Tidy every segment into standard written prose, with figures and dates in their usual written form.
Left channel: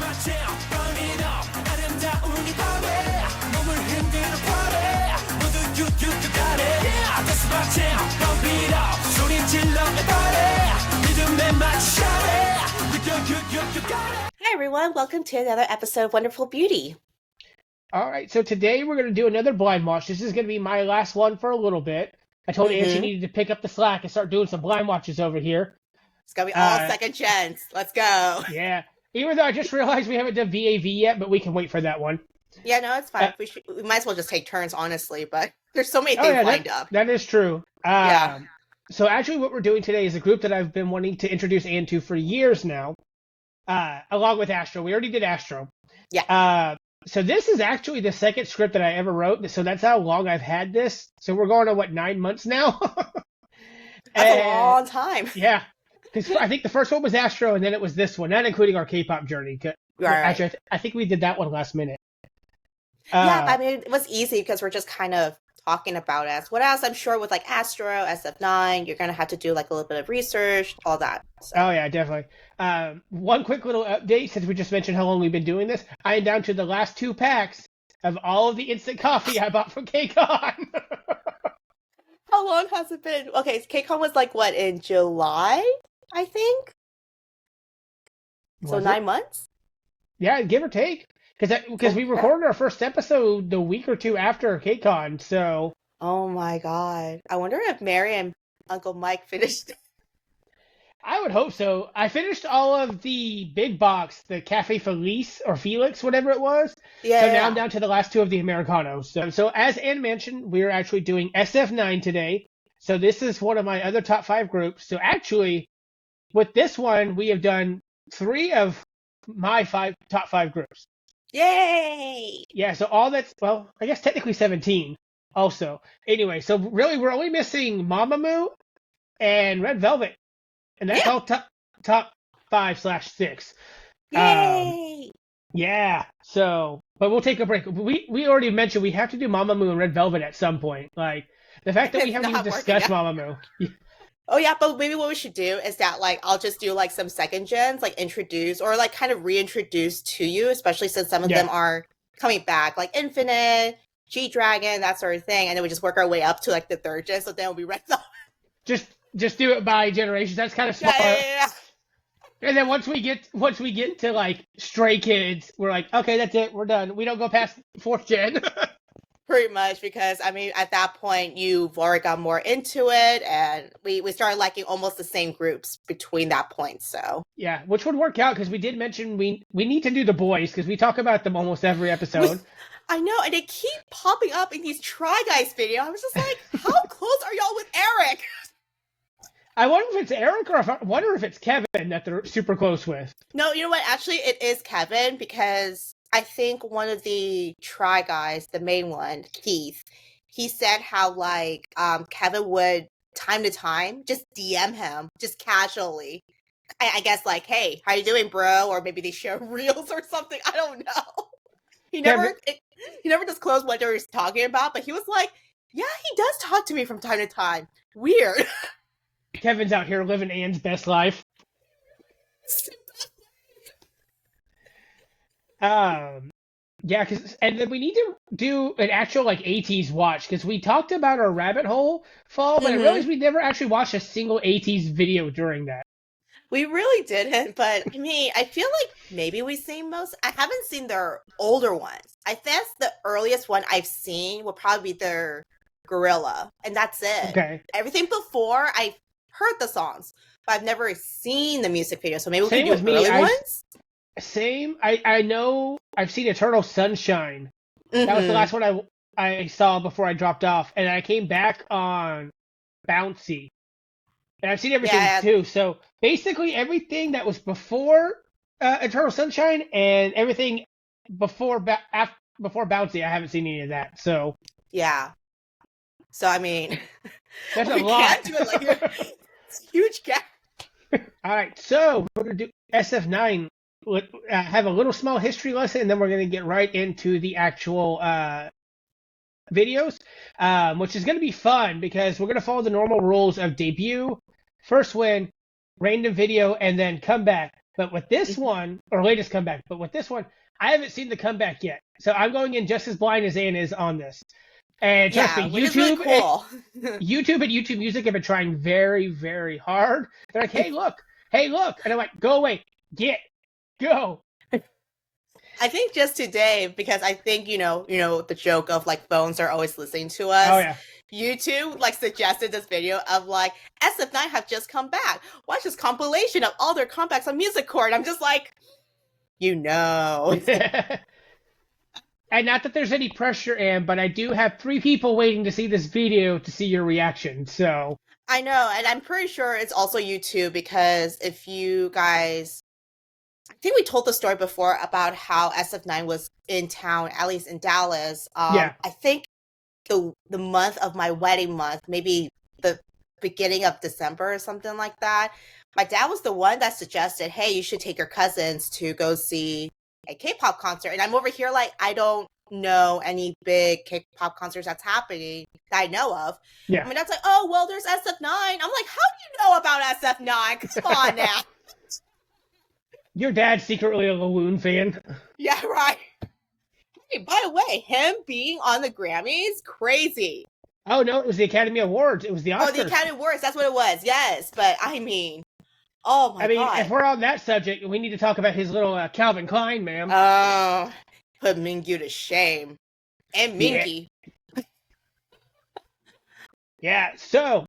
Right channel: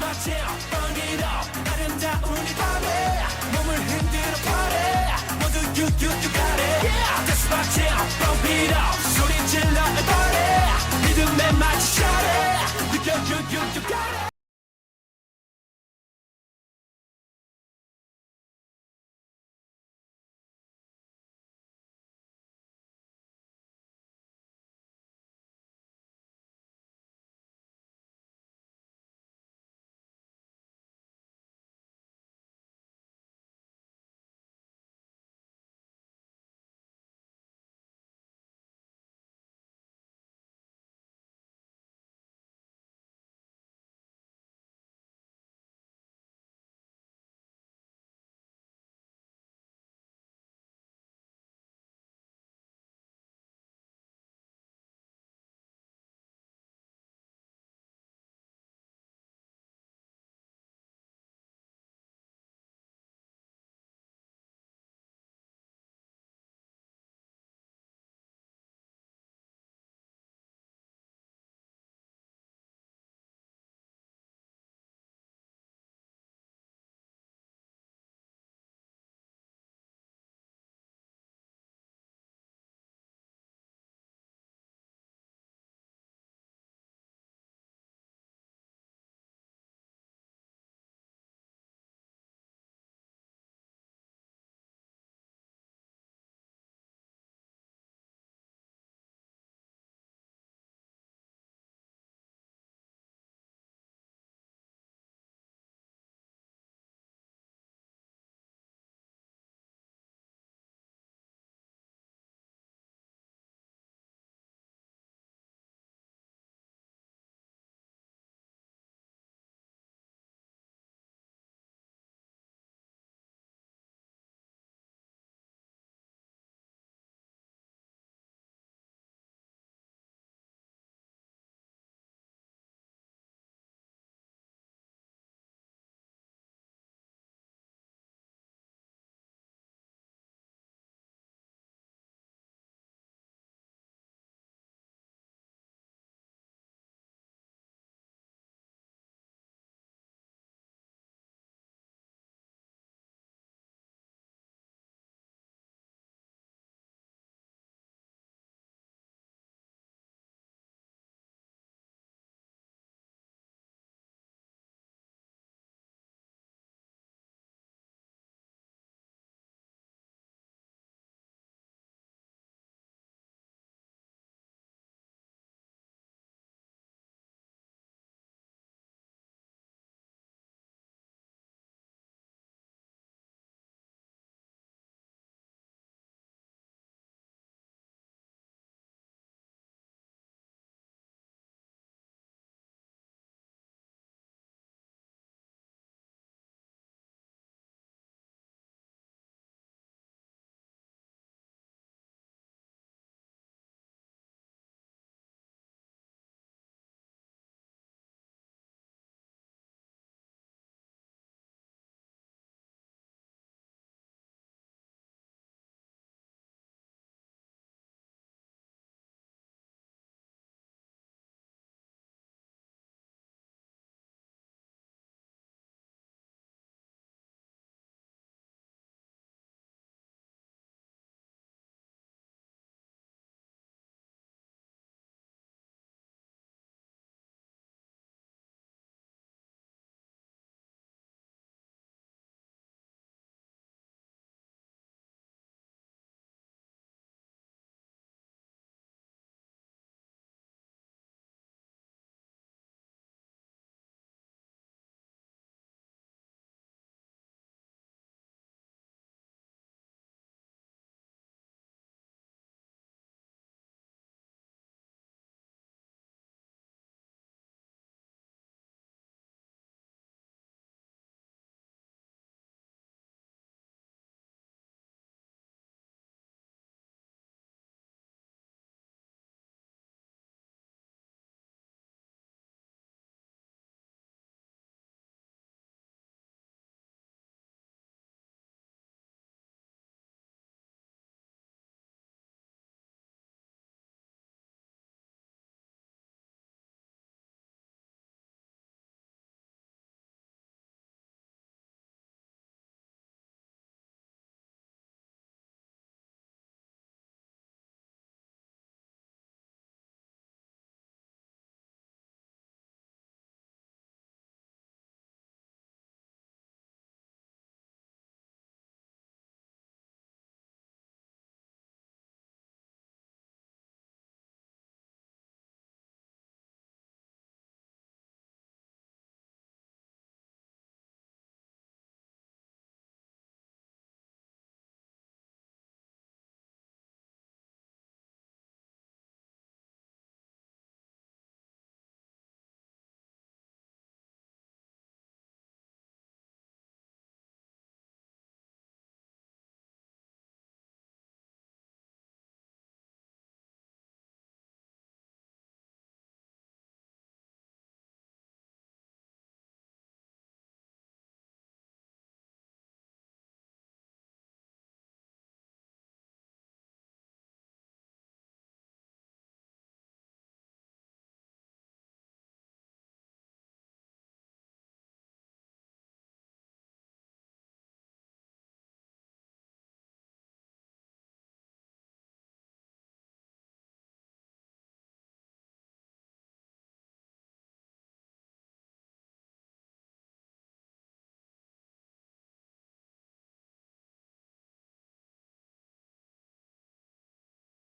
Hi everyone, welcome to another episode of Wonderful Beauty. All right, so today we're going to do another blind watch. This is going to be my last one for a little bit. I told Ann she needed to pick up the slack and start doing some blind watches over here. It's going to be all second gens. Let's go. Yeah, even though I just realized we haven't done VAV yet, but we can wait for that one. Yeah, no, it's fine. We might as well just take turns, honestly, but there's so many things lined up. That is true. Yeah. So actually what we're doing today is a group that I've been wanting to introduce Ann to for years now, along with Astro. We already did Astro. Yeah. So this is actually the second script that I ever wrote. So that's how long I've had this. So we're going on, 9 months now? That's a long time. Yeah. Because I think the first one was Astro, and then it was this one, not including our K-pop journey. Right. Actually, I think we did that one last minute. Yeah, I mean, it was easy because we're just kind of talking about it. What else? I'm sure with like Astro, SF9, you're going to have to do like a little bit of research, all that. So. Oh, yeah, definitely. One quick little update, since we just mentioned how long we've been doing this. I am down to the last 2 packs of all of the instant coffee I bought from KCON. How long has it been? Okay, KCON was like, what, in July, I think? So 9 months? Yeah, give or take. Because we recorded our first episode the week or two after KCON, so... Oh my god. I wonder if Mary and Uncle Mike finished. I would hope so. I finished all of the big box, the Cafe Felice, or Felix, whatever it was. Yeah. So now I'm down to the last 2 of the Americanos. So as Ann mentioned, we're actually doing SF9 today. So this is one of my other top 5 groups. So actually, with this one, we have done 3 of my top 5 groups. Yay! Yeah, so all that's, well, I guess technically 17 also. Anyway, so really we're only missing Mamamoo and Red Velvet. And that's all top 5/6. Yay! Yeah, so, but we'll take a break. We already mentioned we have to do Mamamoo and Red Velvet at some point. Like, the fact that we haven't even discussed Mamamoo. Oh yeah, but maybe what we should do is that like I'll just do like some second gens, like introduce or like kind of reintroduce to you, especially since some of them are coming back, like Infinite, G-Dragon, that sort of thing, and then we just work our way up to like the 3rd gen, so then we'll be Red Velvet. Just do it by generations. That's kind of smart. Yeah. And then once we get to like Stray Kids, we're like, okay, that's it, we're done. We don't go past 4th gen. Pretty much, because I mean, at that point, you've already got more into it, and we started liking almost the same groups between that point. So yeah, which would work out because we did mention we need to do the boys because we talk about them almost every episode. I know, and they keep popping up in these Try Guys videos. I was just like, how close are y'all with Eric? I wonder if it's Eric or I wonder if it's Kevin that they're super close with. No, you know what? Actually, it is Kevin because I think one of the Try Guys, the main one, Keith, he said how like Kevin would time to time just DM him just casually. I guess like, hey, how you doing, bro? Or maybe they share reels or something. I don't know. He never disclosed what they were talking about, but he was like, yeah, he does talk to me from time to time. Weird. Kevin's out here living Ann's best life. Yeah, and then we need to do an actual like 80s watch because we talked about our rabbit hole fall, but I realized we never actually watched a single 80s video during that. We really didn't, but I mean, I feel like maybe we've seen most. I haven't seen their older ones. I guess the earliest one I've seen would probably be their Gorilla, and that's it. Okay. Everything before, I've heard the songs, but I've never seen the music video, so maybe we can do early ones? Same. I know I've seen Eternal Sunshine. That was the last one I saw before I dropped off, and I came back on Bouncy. And I've seen everything too. So basically everything that was before Eternal Sunshine and everything before Bouncy, I haven't seen any of that. So yeah. So I mean, there's a lot. Can't do it like it's a huge gap. All right, so we're gonna do SF9. Have a little small history lesson, and then we're gonna get right into the actual videos, which is gonna be fun because we're gonna follow the normal rules of debut, first win, random video, and then come back. But with this one, or latest comeback, but with this one, I haven't seen the comeback yet. So I'm going in just as blind as Ann is on this. And trust me, which is really cool. YouTube and YouTube Music have been trying very, very hard. They're like, hey, look. And I'm like, go away. Go. I think just today, because I think, you know, the joke of like phones are always listening to us. Oh, yeah. YouTube like suggested this video of like SF9 have just come back. Watch this compilation of all their comebacks on Music Core. And I'm just like, you know. And not that there's any pressure, Ann, but I do have 3 people waiting to see this video to see your reaction. So I know, and I'm pretty sure it's also you too, because if you guys, I think we told the story before about how SF9 was in town, at least in Dallas. Yeah. I think the month of my wedding month, maybe the beginning of December or something like that. My dad was the one that suggested, hey, you should take your cousins to go see a K-pop concert. And I'm over here like, I don't know any big K-pop concerts that's happening that I know of. Yeah. I mean, that's like, oh, well, there's SF9. I'm like, how do you know about SF9? Come on now. Your dad's secretly a Lawoon fan. Yeah, right. Hey, by the way, him being on the Grammys, crazy. Oh, no, it was the Academy Awards. It was the Oscars. Oh, the Academy Awards, that's what it was, yes. But, I mean, oh my God. If we're on that subject, we need to talk about his little Calvin Klein, ma'am. Oh, put Mingyu to shame. And Minky. Yeah, so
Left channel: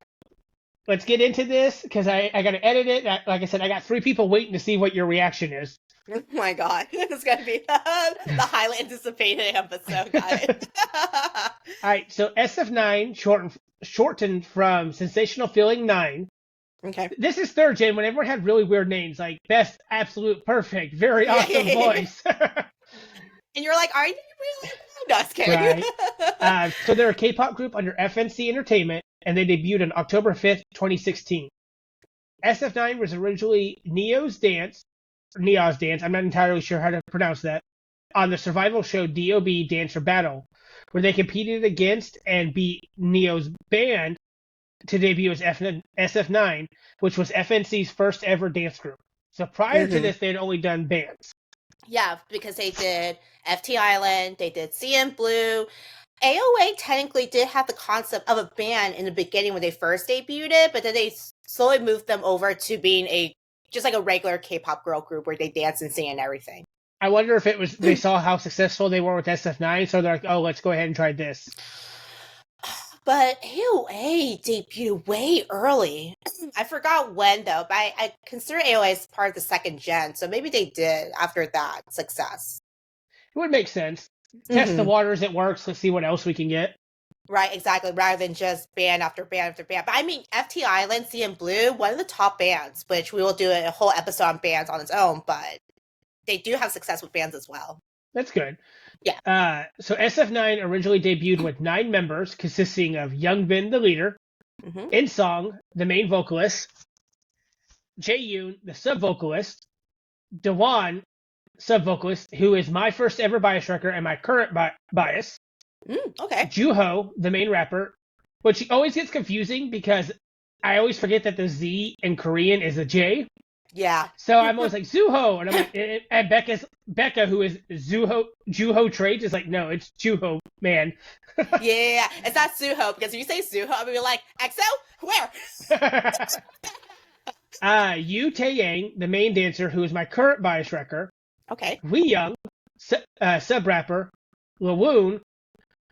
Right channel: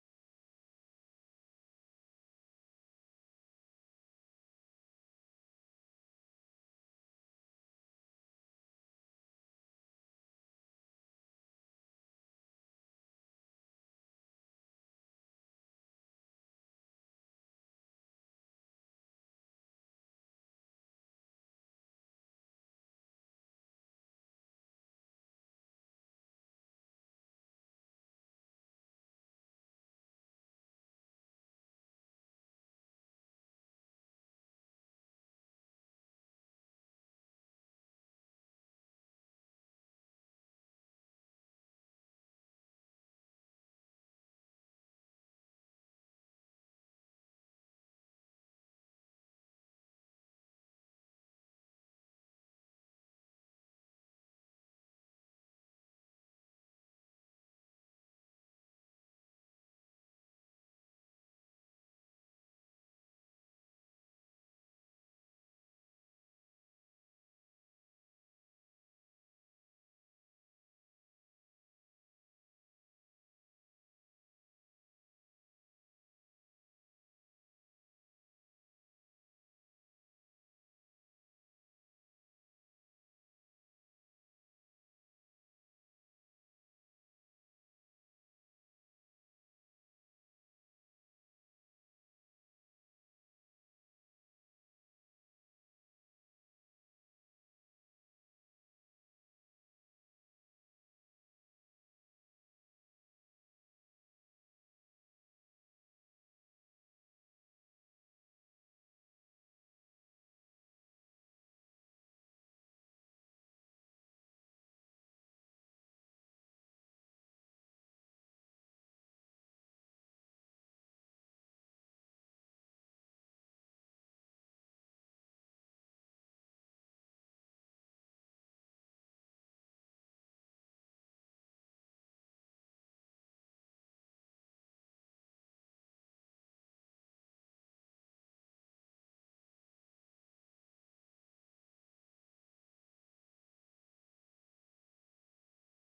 let's get into this, because I got to edit it. Like I said, I got 3 people waiting to see what your reaction is. Oh my God. It's going to be the highly anticipated episode, guys. All right, so SF9, shortened from Sensational Feeling 9. Okay. This is 3rd gen when everyone had really weird names, like Best, Absolute, Perfect, Very Awesome Voice. And you're like, are you really? No, just kidding. Right. So they're a K-pop group under FNC Entertainment, and they debuted on October 5th, 2016. SF9 was originally Neo's Dance, I'm not entirely sure how to pronounce that, on the survival show DOB Dance or Battle, where they competed against and beat Neo's band to debut as SF9, which was FNC's first ever dance group. So prior to this, they had only done bands. Yeah, because they did FT Island, they did CN Blue. AOA technically did have the concept of a band in the beginning when they first debuted, but then they slowly moved them over to being just like a regular K-pop girl group where they dance and sing and everything. I wonder if it was they saw how successful they were with SF9, so they're like, oh, let's go ahead and try this. But AOA debuted way early. I forgot when, though, but I consider AOA as part of the 2nd gen, so maybe they did after that success. It would make sense. Test the waters, it works, let's see what else we can get. Right, exactly, rather than just band after band after band. But I mean, FT Island, CN Blue, one of the top bands, which we will do a whole episode on bands on its own, but they do have success with bands as well. That's good. Yeah. So SF9 originally debuted with 9 members, consisting of Youngbin, the leader, In-song, the main vocalist, Jae-yoon, the sub-vocalist, Daewon, sub-vocalist, who is my first ever bias wrecker and my current bias. Okay. Juho, the main rapper, which always gets confusing because I always forget that the Z in Korean is a J. Yeah. So I'm always like, Zuho. And I'm like, and Becca, who is Juho Trades, is like, no, it's Juho, man. Yeah, it's not Suho, because if you say Suho, I'm going to be like, EXO? Where? Yu Taeyang, the main dancer, who is my current bias wrecker. Okay. Wee Young, sub-rapper. Lawoon,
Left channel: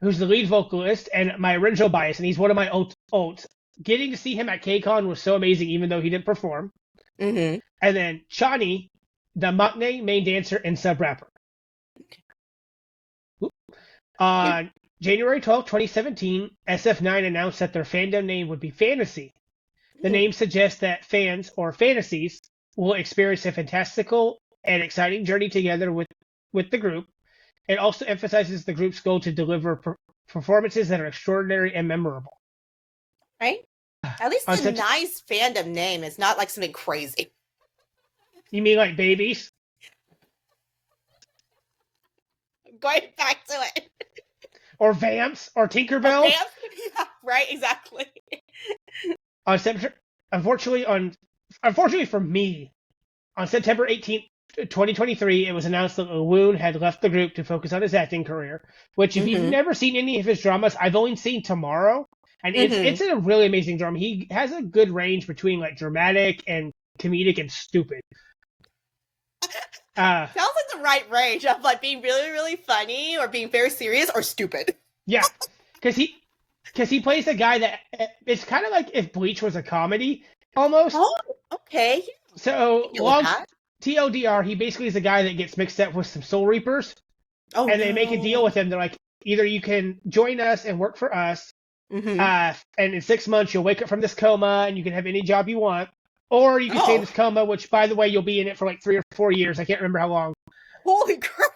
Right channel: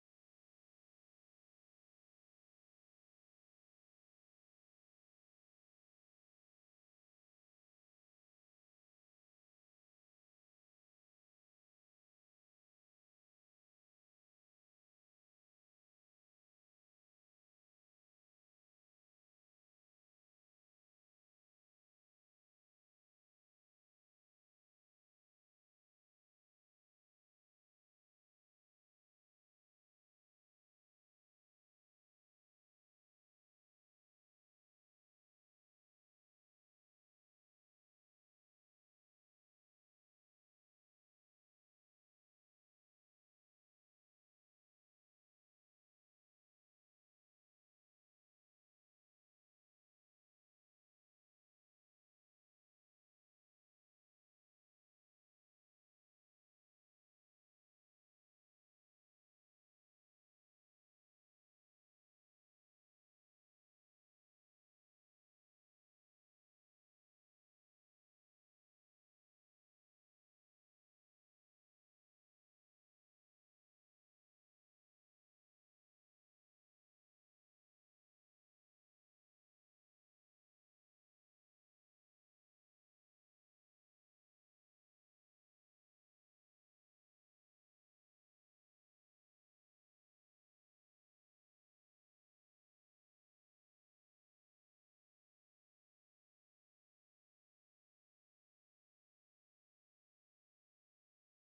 who's the lead vocalist, and my original bias, and he's one of my ults. Getting to see him at KCON was so amazing, even though he didn't perform. And then Chani, the maknae main dancer and sub-rapper. Okay. On January 12, 2017, SF9 announced that their fandom name would be Fantasy. The name suggests that fans, or fantasies, will experience a fantastical and exciting journey together with the group. It also emphasizes the group's goal to deliver performances that are extraordinary and memorable. Right? At least a nice fandom name is not like something crazy. You mean like Babies? Going back to it. Or Vamps? Or Tinkerbell? Vamps? Yeah, right, exactly. Unfortunately for me, On September 18th, 2023, it was announced that LaWoon had left the group to focus on his acting career, which if you've never seen any of his dramas, I've only seen Tomorrow, and it's a really amazing drama. He has a good range between like dramatic and comedic and stupid. Sounds like the right range of like being really, really funny or being very serious or stupid. Yeah, because he plays a guy that it's kind of like if Bleach was a comedy almost. Oh, okay. So long TLDR, he basically is a guy that gets mixed up with some Soul Reapers, and they make a deal with him. They're like, either you can join us and work for us, and in 6 months you'll wake up from this coma and you can have any job you want, or you can stay in this coma, which by the way you'll be in it for like 3 or 4 years. I can't remember how long. Holy crap!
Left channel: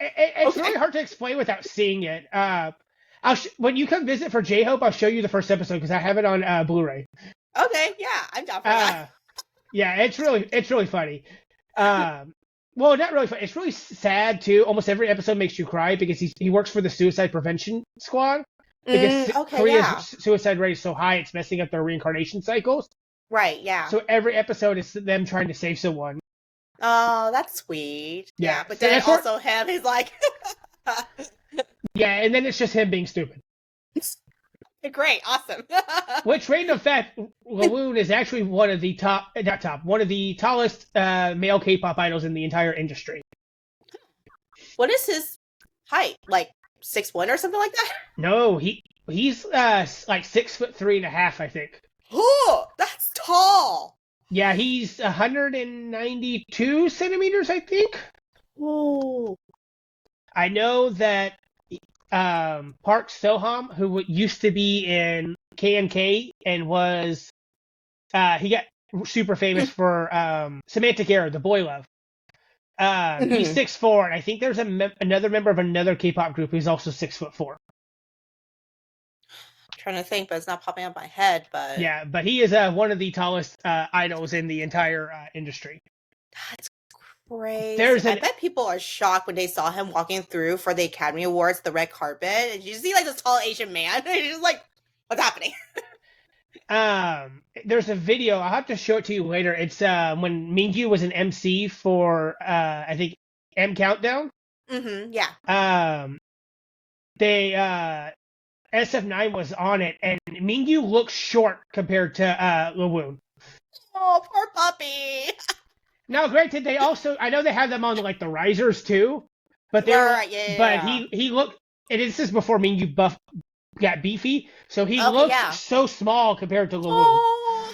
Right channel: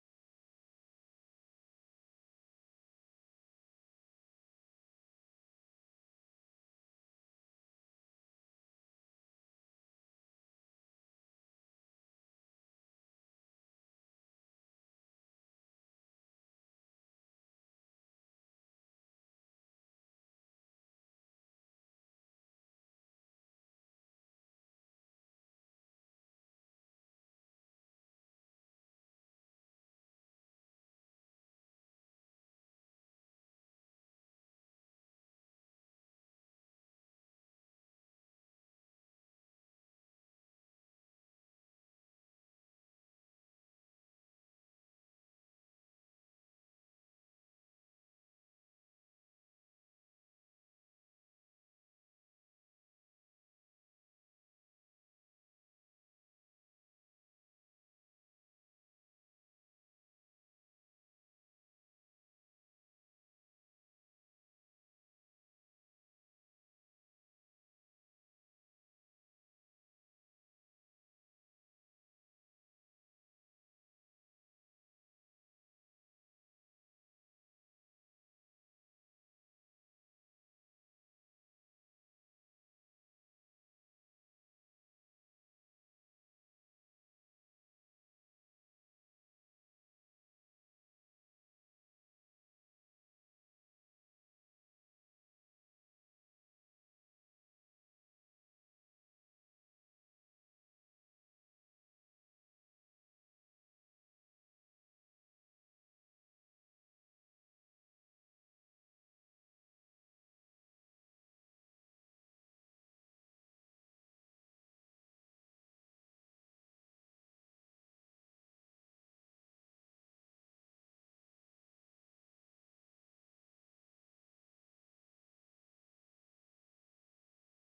It's really hard to explain without seeing it. When you come visit for J-Hope, I'll show you the first episode because I have it on Blu-ray. Okay, yeah, I'm down for that. Yeah, it's really funny. Well, not really funny. It's really sad too. Almost every episode makes you cry because he works for the suicide prevention squad because Korea's suicide rate is so high, it's messing up their reincarnation cycles. Right. Yeah. So every episode is them trying to save someone. Oh, that's sweet. Yeah, but then also him, he's like. Yeah, and then it's just him being stupid. Great, awesome. Which, random fact, LaWoon is actually one of the tallest male K-pop idols in the entire industry. What is his height? Like 6'1" or something like that? No, he's like 6'3.5", I think. Oh, that's tall. Yeah, he's 192 centimeters, I think. Oh. I know that Park Soham, who used to be in KNK and was he got super famous for Semantic Error, the boy love. He's 6'4", and I think there's another member of another K-pop group who's also 6'4". I'm trying to think, but it's not popping up my head. But yeah, but he is one of the tallest idols in the entire industry. That's crazy. I bet people are shocked when they saw him walking through for the Academy Awards, the red carpet, and you see like this tall Asian man, and you're just like, what's happening? There's a video, I'll have to show it to you later. It's when Mingyu was an MC for I think M Countdown. Yeah. They SF9 was on it, and Mingyu looks short compared to LaWoon. Oh, poor puppy. Now, granted, they also, I know they have them on like the risers too, but he looked, and this is before Mingyu got beefy, so he looked so small compared to LaWoon. Oh.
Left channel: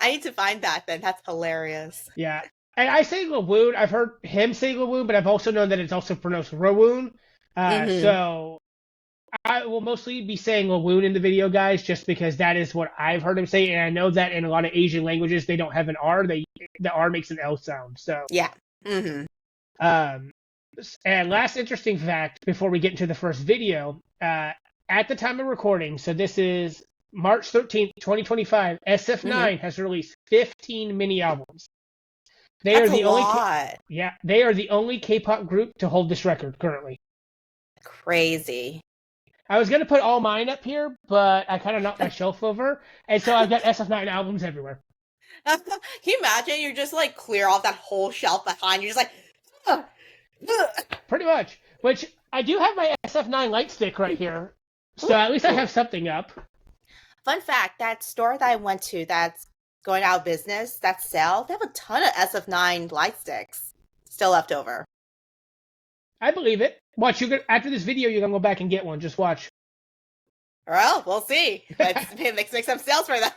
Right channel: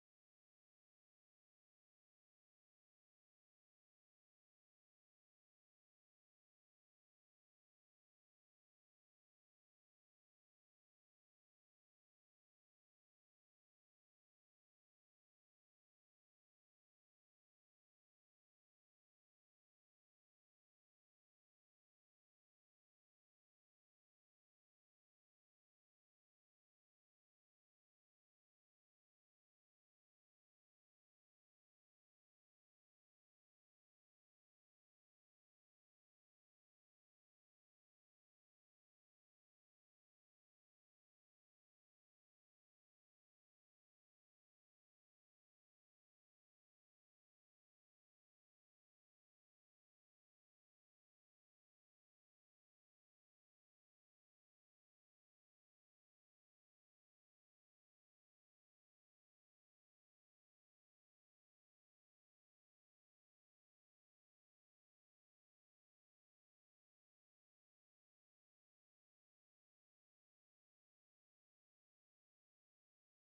I need to find that then. That's hilarious. Yeah, and I say LaWoon. I've heard him say LaWoon, but I've also known that it's also pronounced Rowoon. So I will mostly be saying LaWoon in the video, guys, just because that is what I've heard him say, and I know that in a lot of Asian languages they don't have an R. The R makes an L sound. So yeah. And last interesting fact before we get into the first video, at the time of recording, so this is March 13th, 2025, SF9 has released 15 mini albums. That's a lot. They are the only K-pop group to hold this record currently. Crazy. I was going to put all mine up here, but I kind of knocked my shelf over, and so I've got SF9 albums everywhere. Can you imagine? You're just like clear off that whole shelf behind. You're just like... Pretty much. Which, I do have my SF9 light stick right here, so at least I have something up. Fun fact, that store that I went to that's going out of business, that sale, they have a ton of SF9 light sticks still left over. I believe it. Watch, after this video, you're going to go back and get one. Just watch. Well, we'll make some sales for them.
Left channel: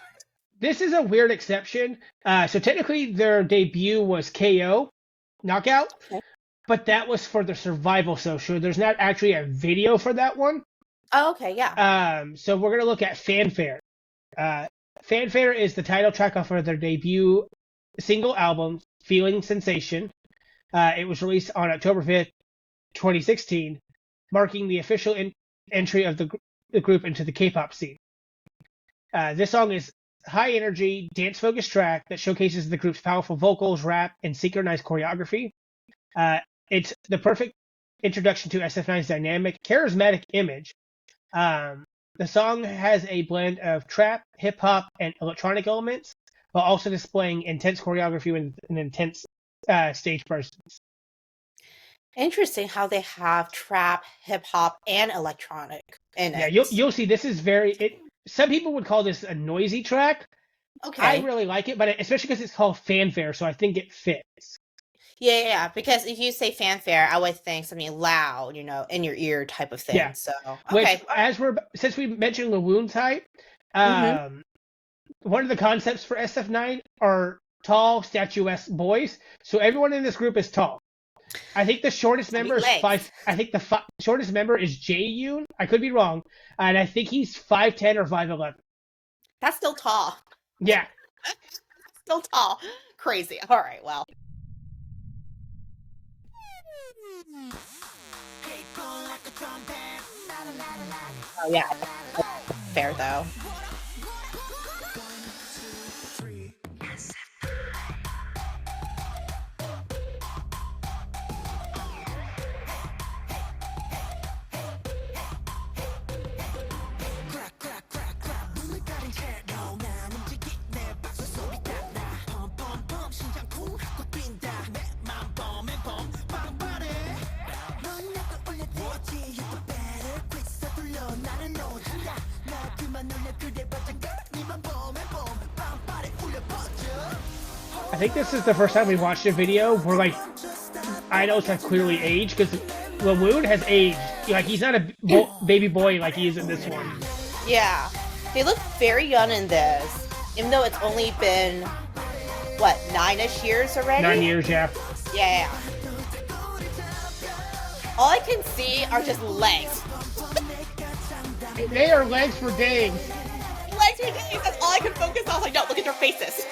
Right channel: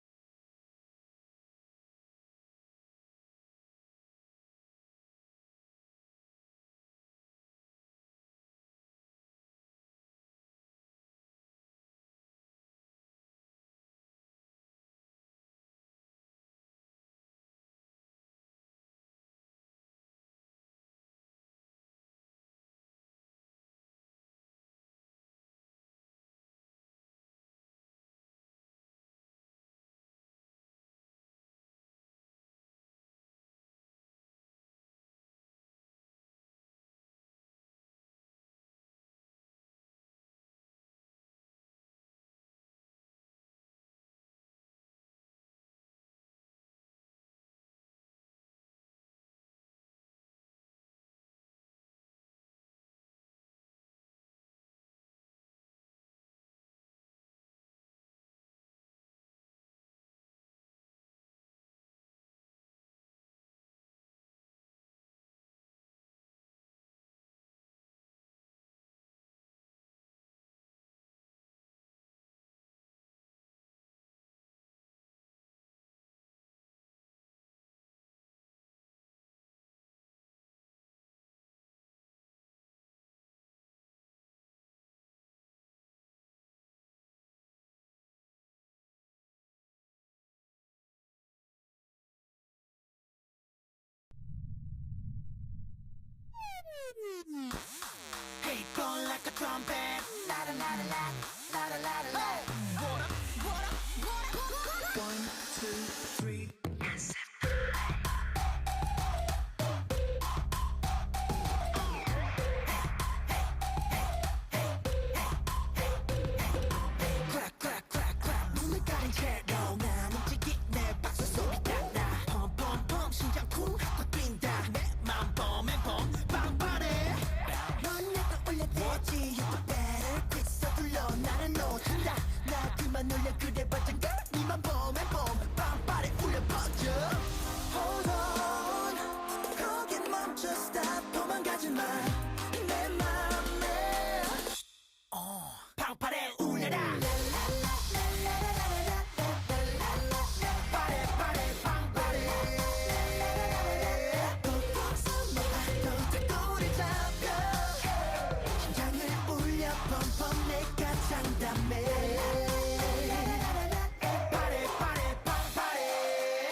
This is a weird exception. So technically, their debut was KO, Knockout, but that was for the Survival Social. There's not actually a video for that one. Oh, okay, yeah. So we're going to look at Fanfare. Fanfare is the title track off of their debut single album, Feeling Sensation. It was released on October 5th, 2016, marking the official entry of the group into the K-pop scene. This song is high energy, dance-focused track that showcases the group's powerful vocals, rap, and synchronized choreography. It's the perfect introduction to SF9's dynamic, charismatic image. The song has a blend of trap, hip-hop, and electronic elements, while also displaying intense choreography with an intense stage presence. Interesting how they have trap, hip hop, and electronic in Yeah, it. you'll see this is some people would call this a noisy track. I Okay. really like it, but especially because it's called Fanfare, so I think it fits. Yeah, because if you say fanfare, I would think something loud, in your ear type of Yeah, thing. So, which okay. since we mentioned Lawoon type, Mm-hmm. one of the concepts for SF9 are tall, statuesque boys. So everyone in this group is tall. I think the shortest Big member is legs. five. I think the shortest member is Jae-yoon. I could be wrong, and I think he's 5'10" or 5'11". That's still tall. Yeah. Still tall. Crazy. All right, well. Oh, yeah. Fair, though. I think this is the first time we watched a video where like idols have clearly aged because Lawoon has aged. Like he's not a baby boy like he is in this one. Yeah. They look very young in this, even though it's only been, what, 9-ish years already? 9 years, yeah. Yeah. All I can see are just legs. They are legs for days. Legs for days. That's all I can focus on. Like, no, look at their faces.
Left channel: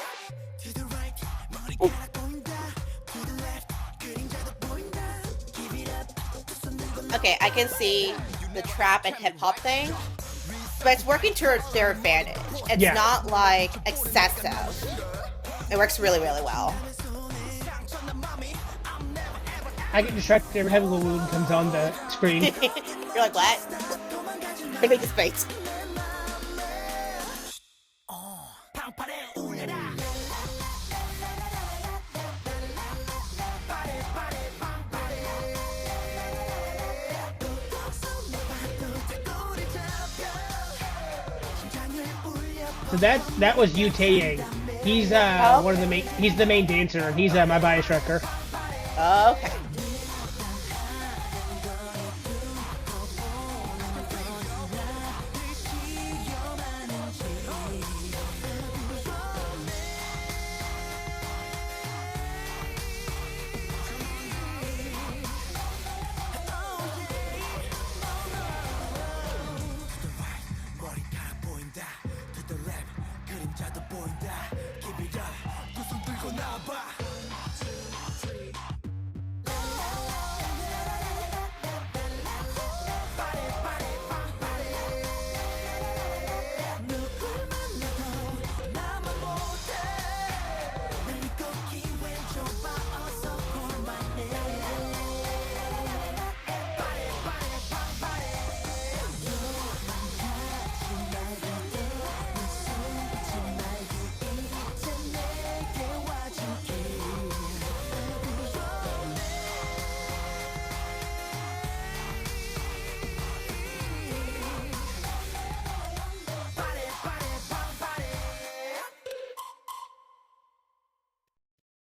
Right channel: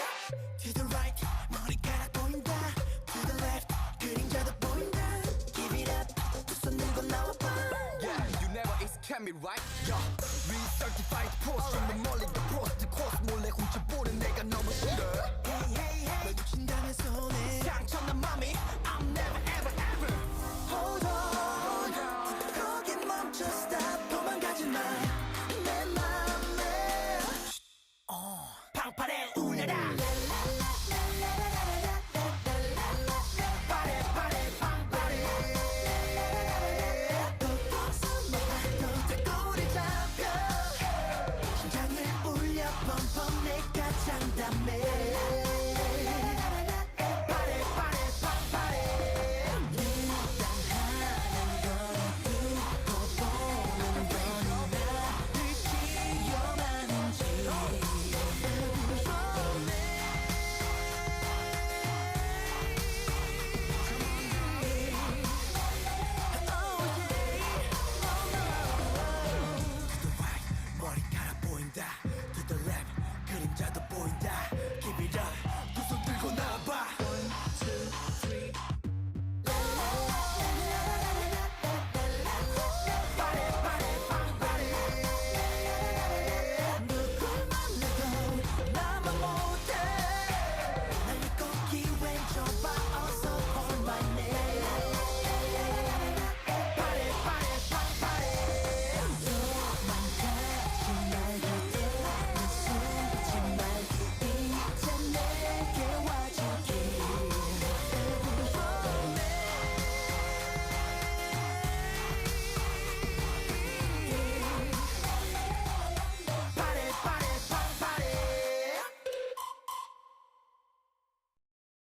Okay, I can see the trap and hip hop thing, but it's working towards their advantage. It's not like excessive. It works really, really well. I get distracted every time Lawoon comes on the screen. You're like, what? Look at his face. So that was Yu Tae. He's one of the main. He's the main dancer. He's my bias wrecker. Okay.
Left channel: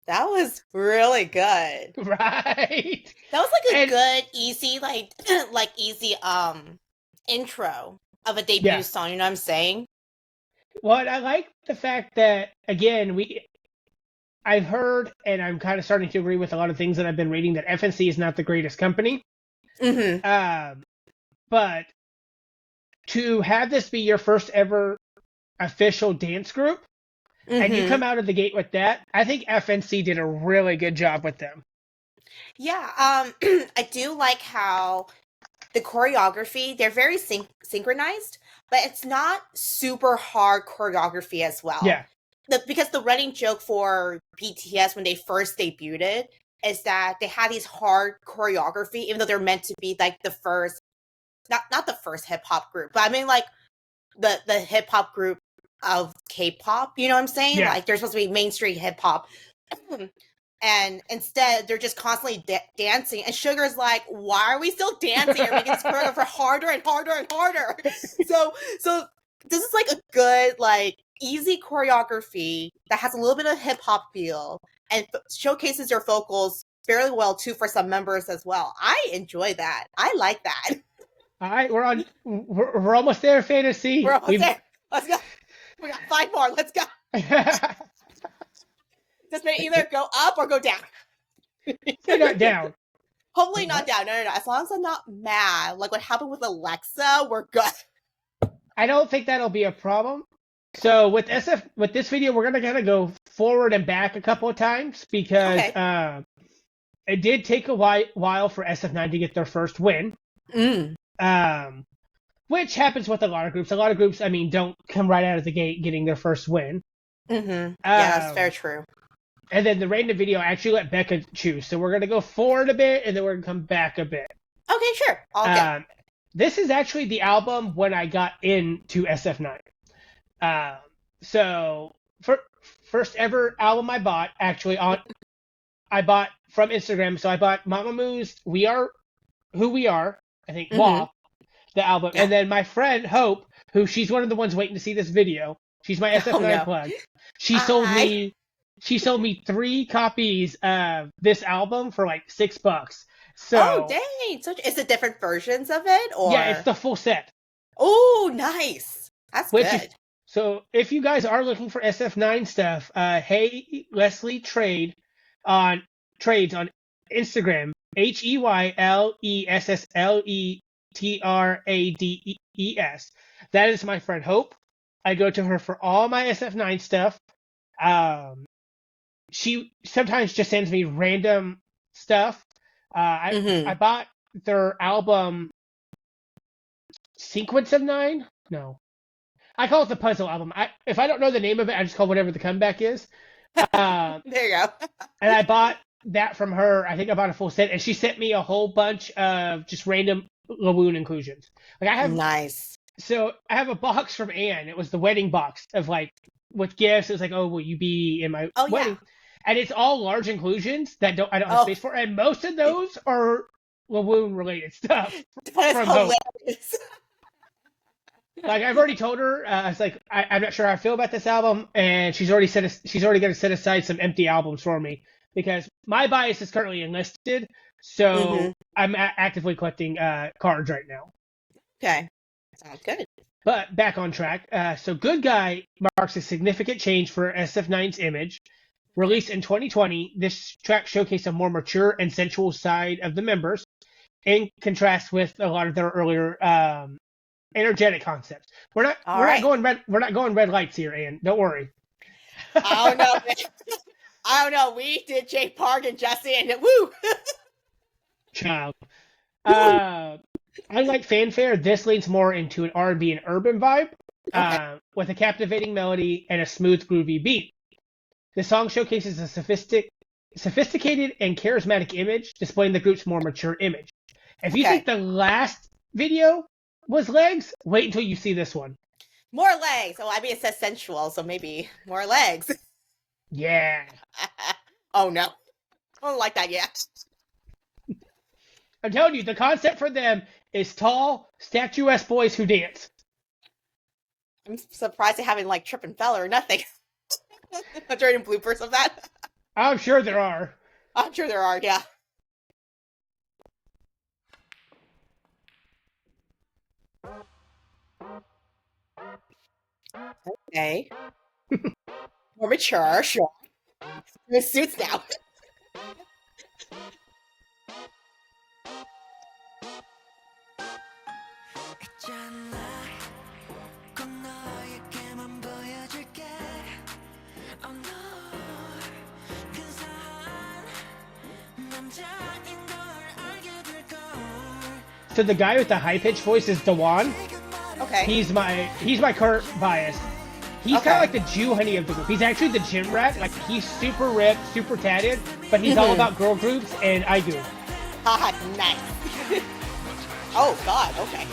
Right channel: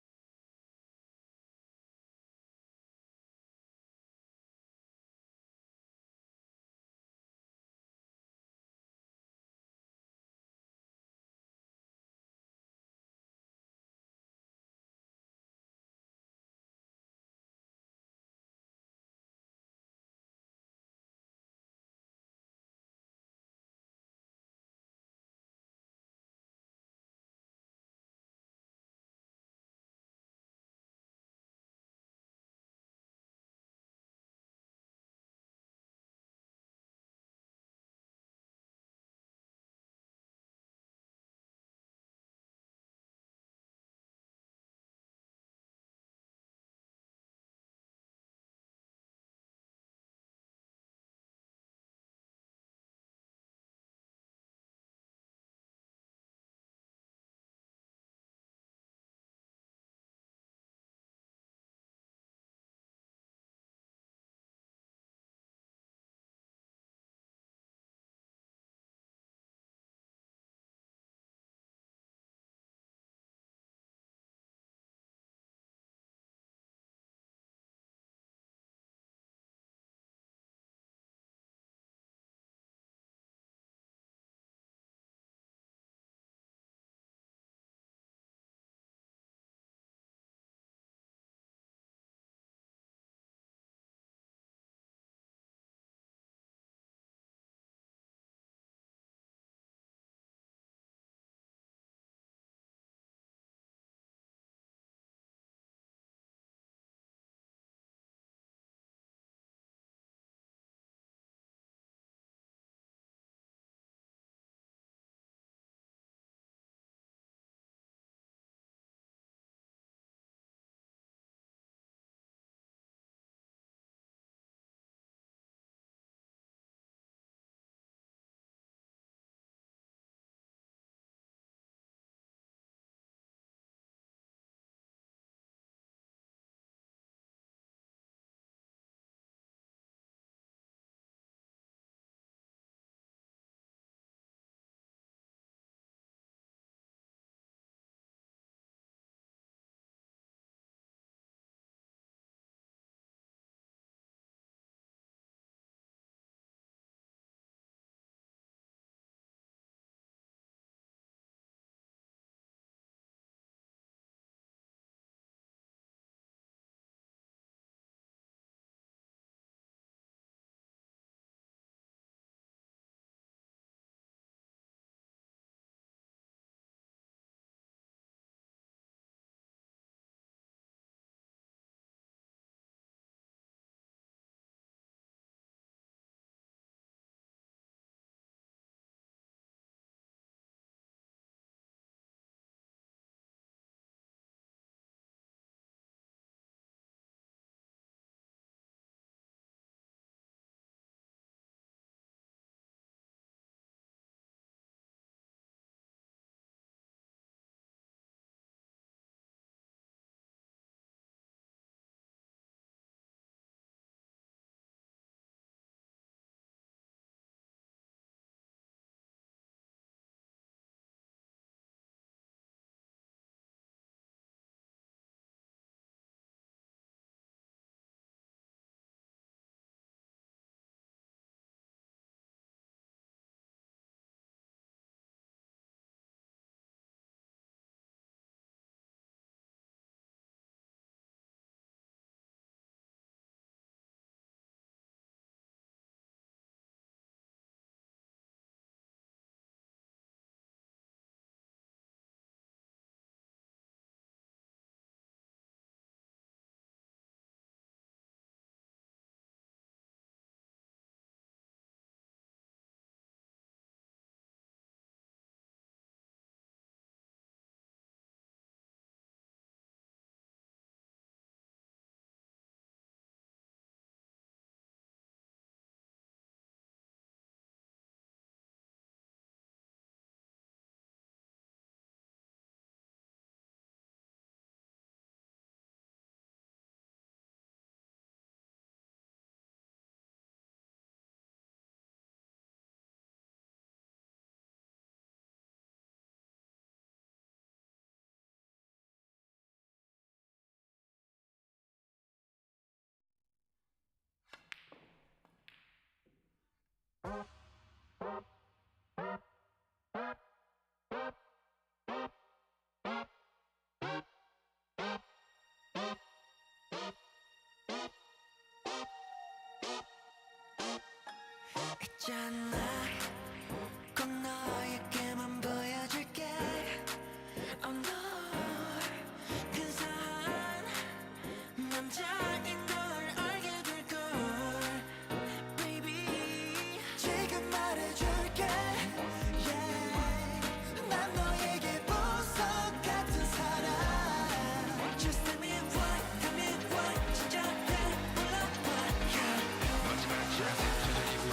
That was really good. Right. That was like a good, easy, like easy intro of a debut song, you know what I'm saying? Well, I like the fact that again I've heard and I'm kind of starting to agree with a lot of things that I've been reading that FNC is not the greatest company. Mm-hmm. But to have this be your first ever official dance group, and you come out of the gate with that, I think FNC did a really good job with them. Yeah, I do like how the choreography, they're very synchronized, but it's not super hard choreography as well. Yeah. Because the running joke for BTS when they first debuted is that they had these hard choreography, even though they're meant to be like the first, not the first hip hop group, but I mean like the hip hop group of K-pop. You know what I'm saying? Yeah. Like they're supposed to be mainstream hip hop. And instead, they're just constantly dancing. And Sugar's like, "Why are we still dancing? You're making this choreographer harder and harder and harder." So this is like a good, like, easy choreography that has a little bit of hip hop feel and showcases their vocals fairly well too for some members as well. I enjoy that. I like that. All right, we're almost there, Fantasy. We're almost there. Let's go. We got 5 more. Let's go. This may either go up or go down. They're not down. Hopefully not down. No. As long as I'm not mad, like what happened with Alexa, we're good. I don't think that'll be a problem. So with this video, we're gonna kind of go forward and back a couple of times because it did take a while for SF9 to get their first win. Which happens with a lot of groups. A lot of groups, I mean, don't come right out of the gate getting their first win. Yeah, that's very true. And then the random video, I actually let Becca choose. So we're going to go forward a bit, and then we're going to come back a bit. Okay, sure. All good. This is actually the album when I got into SF9. So, first ever album I bought, actually, I bought from Instagram. So I bought Mamamoo's We Are Who We Are, I think, the album. Yeah. And then my friend, Hope, she's one of the ones waiting to see this video. She's my SF9 plug. She sold me 3 copies of this album for like $6. So, dang! So is it different versions of it, or yeah, it's the full set. Oh, nice. That's good. So if you guys are looking for SF9 stuff, hey Leslie Trades on Instagram, HeyLessleTrades. That is my friend Hope. I go to her for all my SF9 stuff. She sometimes just sends me random stuff. I bought their album Sequence of 9. No, I call it the puzzle album. If I don't know the name of it, I just call whatever the comeback is. There you go. And I bought that from her. I think I bought a full set, and she sent me a whole bunch of just random Lawoon inclusions. Like I have nice. So I have a box from Anne. It was the wedding box of like with gifts. It was like, oh, will you be in my wedding? Yeah. And it's all large inclusions that I don't have space for, and most of those are Lawoon related stuff. That is hilarious. Like I've already told her, it's like I'm not sure how I feel about this album, and she's already going to set aside some empty albums for me because my bias is currently enlisted, so I'm actively collecting cards right now. Okay, sounds good. But back on track. So Good Guy marks a significant change for SF9's image. Released in 2020, this track showcased a more mature and sensual side of the members, in contrast with a lot of their earlier energetic concepts. We're not going red lights here, Ann. Don't worry. I don't know. We did Jake Park and Jesse, and woo. Child. Unlike Fanfare, this leans more into an R&B and urban vibe, with a captivating melody and a smooth, groovy beat. The song showcases a sophisticated and charismatic image, displaying the group's more mature image. If you think the last video was legs, wait until you see this one. More legs. Oh, I mean, it says sensual, so maybe more legs. Yeah. Oh, no. I don't like that yet. I'm telling you, the concept for them is tall, statuesque boys who dance. I'm surprised they haven't, like, trip and fell or nothing. Are there any bloopers of that? I'm sure there are. I'm sure there are, yeah. Okay. More mature, sure. We're suits now. So the guy with the high-pitched voice is Dewan. Okay. He's my current bias. He's kind of like the Jew honey of the group. He's actually the gym rat. Like he's super ripped, super tatted, but he's all about girl groups and idol. Nice. Oh God. Okay.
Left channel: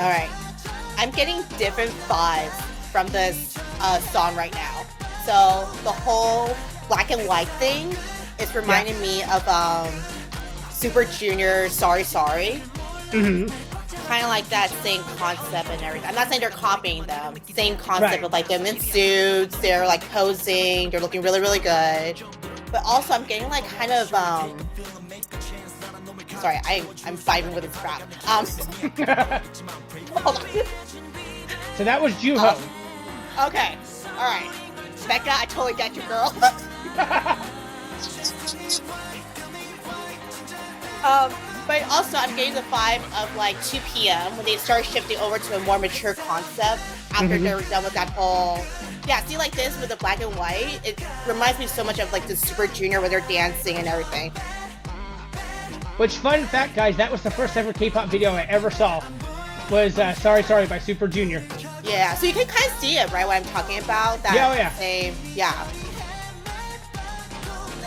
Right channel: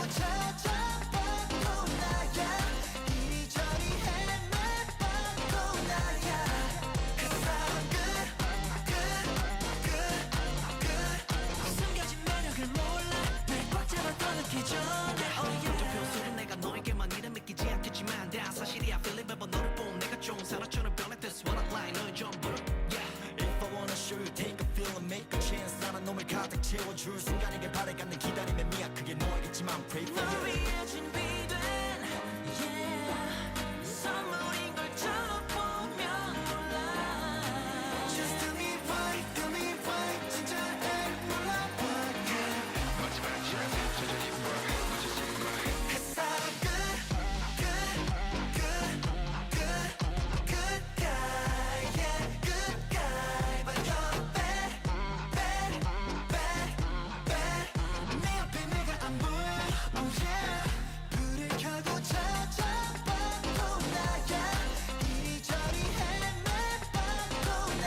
Alright. I'm getting different vibes from this song right now. So the whole black and white thing is reminding me of Super Junior Sorry Sorry. Kind of like that same concept and everything. I'm not saying they're copying them. Same concept of like them in suits, they're like posing, they're looking really, really good. But also I'm getting like kind of sorry, I'm fighting with a crowd. So that was Juho. Okay, alright. Becca, I totally get you, girl. But also I'm getting the vibe of like 2 p.m. when they start shifting over to a more mature concept after they're done with that whole see like this with the black and white, it reminds me so much of like the Super Junior where they're dancing and everything. Which, fun fact, guys, that was the first ever K-pop video I ever saw. Was Sorry Sorry by Super Junior. Yeah, so you can kind of see it, right, what I'm talking about? That same,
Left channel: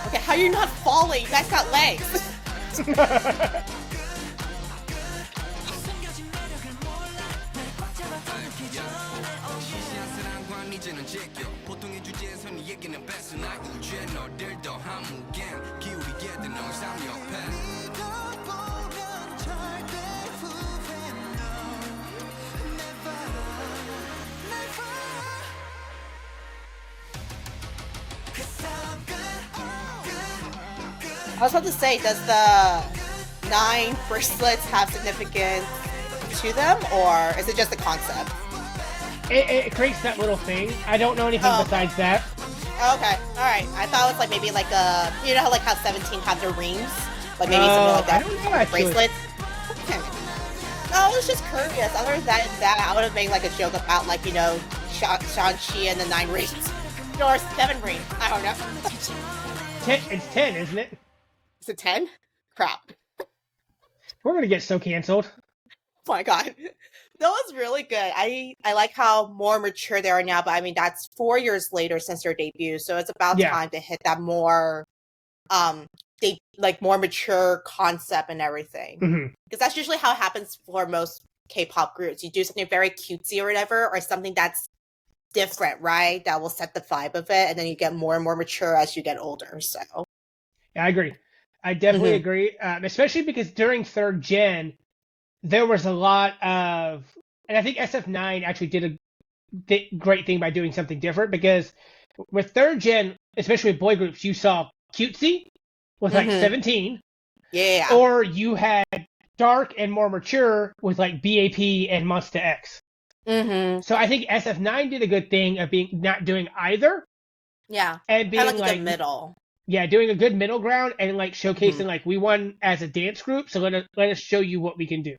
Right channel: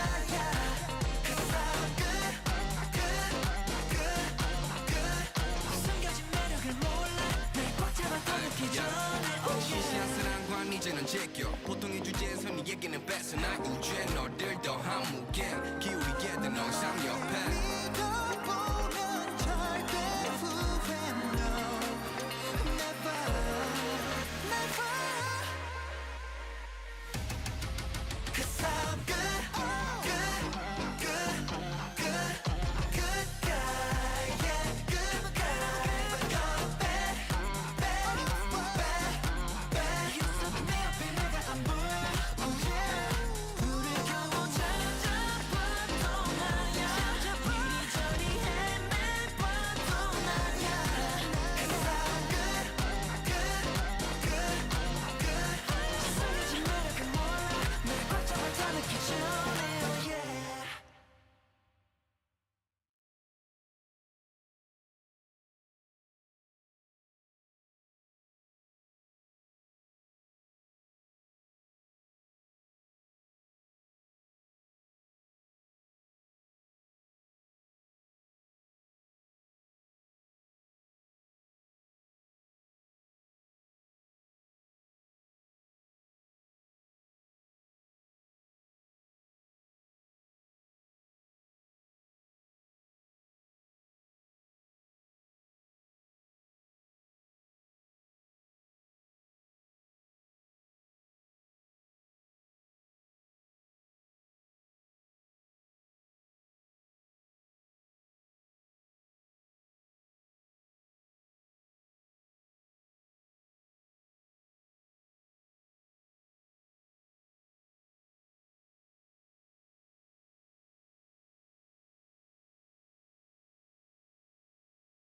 Okay, how are you not falling? You guys got legs. I was about to say, does the 9 bracelets have significance to them, or is it just a concept? It creates that little thing. I don't know anything besides that. Okay, alright. I thought it was like maybe like a, you know how like how 17 have their rings? Like maybe something like that. I don't know, bracelets. Okay. No, I was just curious. Other than that, I would have made like a joke about like, you know, Shang-Chi and the 9 rings. Or 7 rings. I don't know. It's 10, isn't it? Is it 10? Crap. We're gonna get so canceled. Oh my god. That was really good. I like how more mature they are now, but I mean that's 4 years later since their debut, so it's about time to hit that more they like more mature concept and everything. Because that's usually how it happens for most K-pop groups. You do something very cutesy or whatever, or something that's different, right? That will set the vibe of it, and then you get more and more mature as you get older. So yeah, I agree. I definitely agree, especially because during 3rd gen, there was a lot of, and I think SF9 actually did a great thing by doing something different, because with 3rd gen, especially with boy groups, you saw cutesy with like 17, or you had dark and more mature with like BAP and Monsta X. So I think SF9 did a good thing of being not doing either. Yeah, and being like a good middle. Yeah, doing a good middle ground and like showcasing like we won as a dance group, so let us show you what we can do.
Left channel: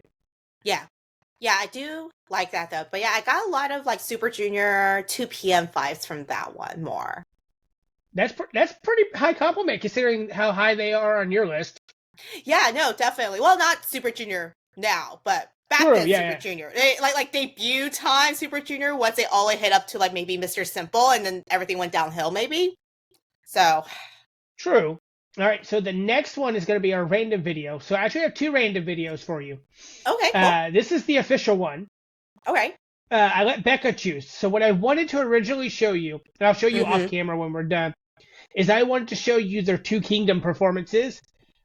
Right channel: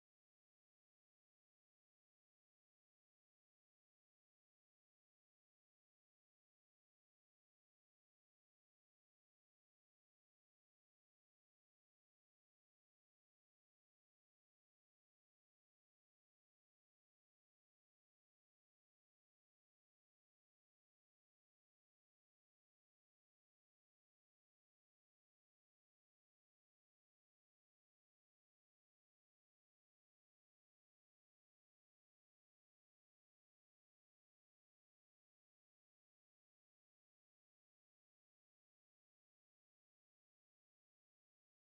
Yeah, I do like that though. But yeah, I got a lot of like Super Junior 2 p.m. vibes from that one more. That's pretty high compliment considering how high they are on your list. Yeah, no, definitely. Well, not Super Junior now, but back then Super Junior. They, like debut time Super Junior, once they all hit up to like maybe Mr. Simple, and then everything went downhill maybe. So true. All right, so the next one is going to be our random video. So I actually have 2 random videos for you. Okay, cool. This is the official one. Okay. I let Becca choose. So what I wanted to originally show you, and I'll show you off camera when we're done, is I wanted to show you their 2 Kingdom performances.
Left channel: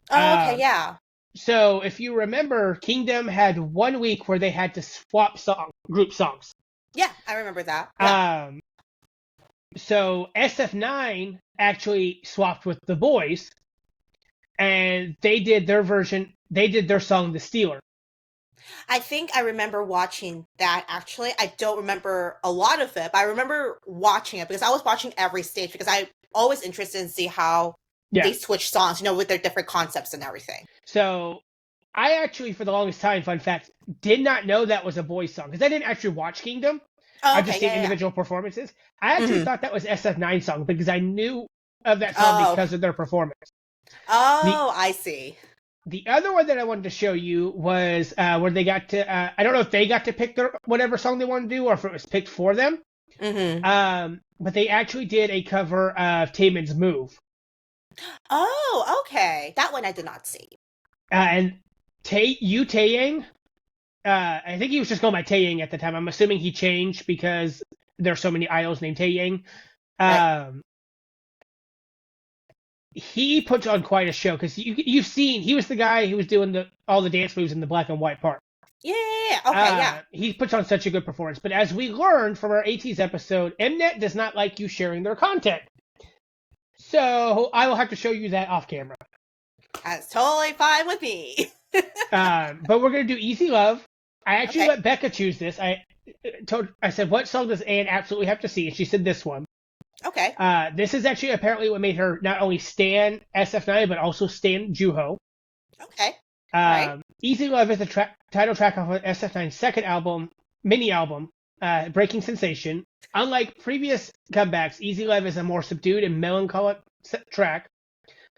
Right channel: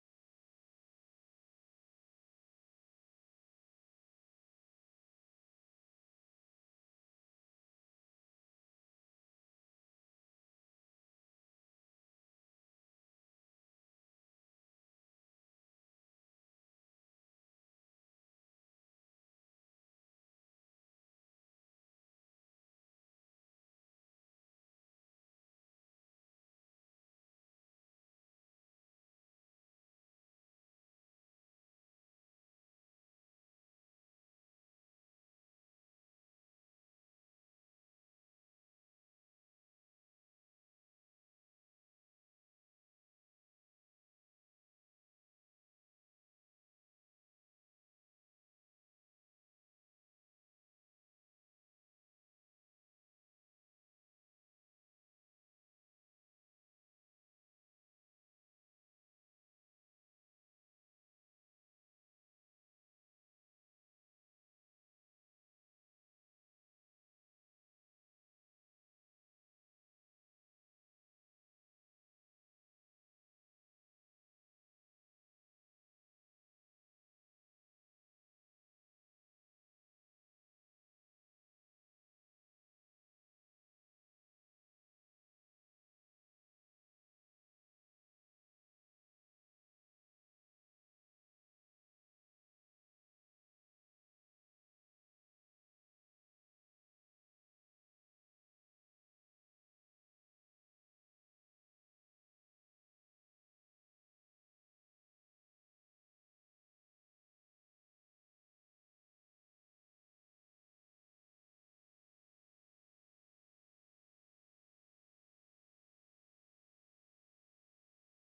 Oh, okay, yeah. So if you remember, Kingdom had 1 week where they had to swap group songs. Yeah, I remember that. Yeah. So SF9 actually swapped with the boys, and they did their version. They did their song "The Stealer." I think I remember watching that, actually. I don't remember a lot of it, but I remember watching it because I was watching every stage because I'm always interested in see how they switch songs, you know, with their different concepts and everything. So I actually, for the longest time, fun fact, did not know that was a boys song because I didn't actually watch Kingdom. I've just seen individual performances. I actually thought that was SF9 song because I knew of that song because of their performance. Oh, I see. The other one that I wanted to show you was where they got to, I don't know if they got to pick their whatever song they wanted to do or if it was picked for them. But they actually did a cover of Taemin's Move. Oh, okay. That one I did not see. And Taeyang I think he was just going by Taeyang at the time. I'm assuming he changed because there's so many idols named Taeyang. Right. He puts on quite a show because you've seen he was the guy who was doing all the dance moves in the black and white part. Yeah. Okay. Yeah. He puts on such a good performance. But as we learned from our AT's episode, Mnet does not like you sharing their content. So I will have to show you that off camera. That's totally fine with me. But we're gonna do Easy Love. I actually let Becca choose this. I said, what song does Anne absolutely have to see? And she said this one. Okay. This is actually apparently what made her not only stan SF9 but also stan Juho. Okay. Right. Easy Love is the title track off of SF9's second album, mini album, Breaking Sensation. Unlike previous comebacks, Easy Love is a more subdued and melancholic track.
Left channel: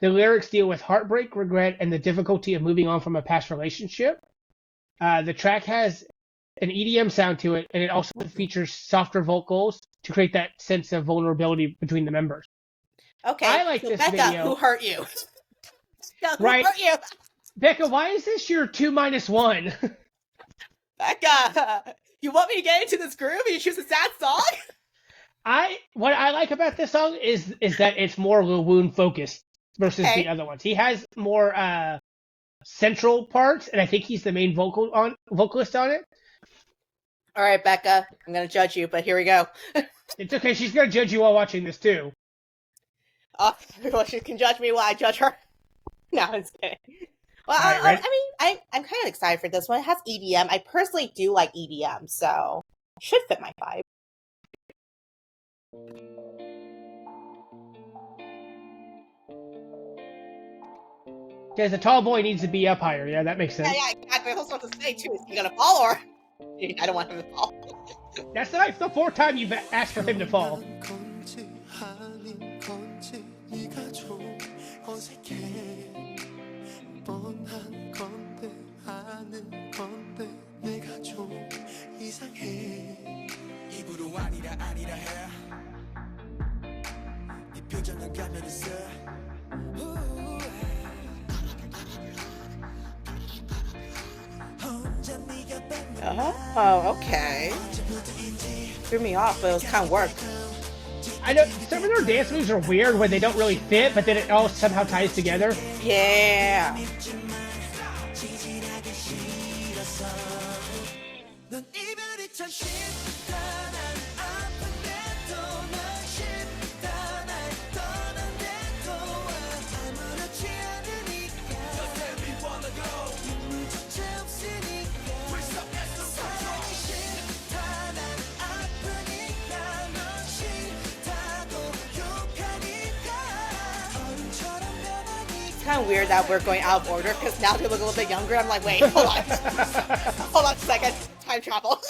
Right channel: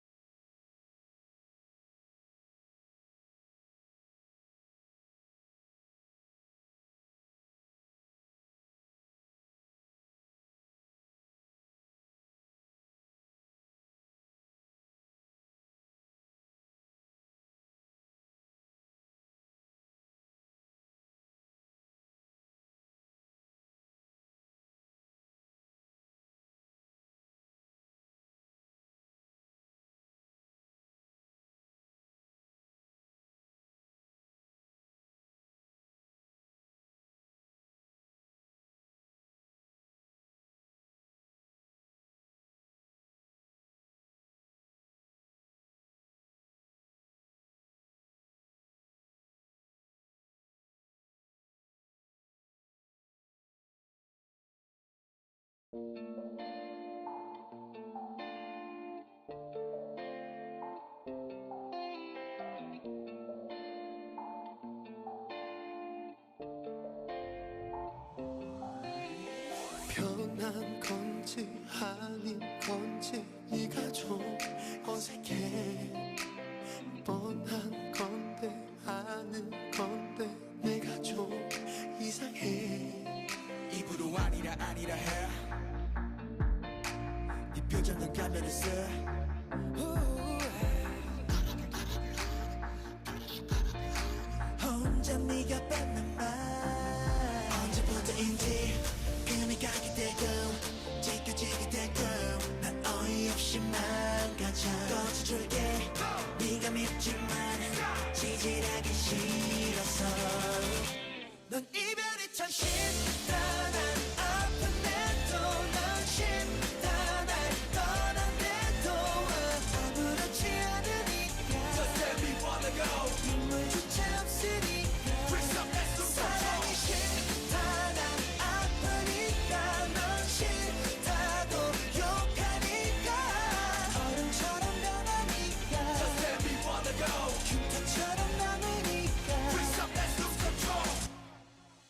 The lyrics deal with heartbreak, regret, and the difficulty of moving on from a past relationship. The track has an EDM sound to it, and it also features softer vocals to create that sense of vulnerability between the members. Okay. I like this Becca, video. who hurt you? Who right. hurt you? Becca, why is this your 2-1? Becca, you want me to get into this groove and you choose a sad song? What I like about this song is that it's more Lil Woon focused versus the other ones. He has more central parts, and I think he's the main vocalist on it. All right, Becca, I'm gonna judge you, but here we go. It's okay. She's gonna judge you while watching this too. Oh, well, she can judge me while I judge her. No, I'm just kidding. Well, right, I'm kind of excited for this one. It has EDM. I personally do like EDM, so it should fit my vibe. Because the tall boy needs to be up higher. Yeah, that makes sense. Yeah, exactly. I was about to say too. Is he gonna fall or? I don't want him to fall. That's the fourth time you've asked for him to fall. Oh, okay. Threw me off, but it was kind of work. I know some of their dance moves are weird when they don't really fit, but then it all somehow ties together. Yeah. Weird that we're going out of order because now they look a little bit younger. I'm like, wait, hold on. Hold on a second. Time travel.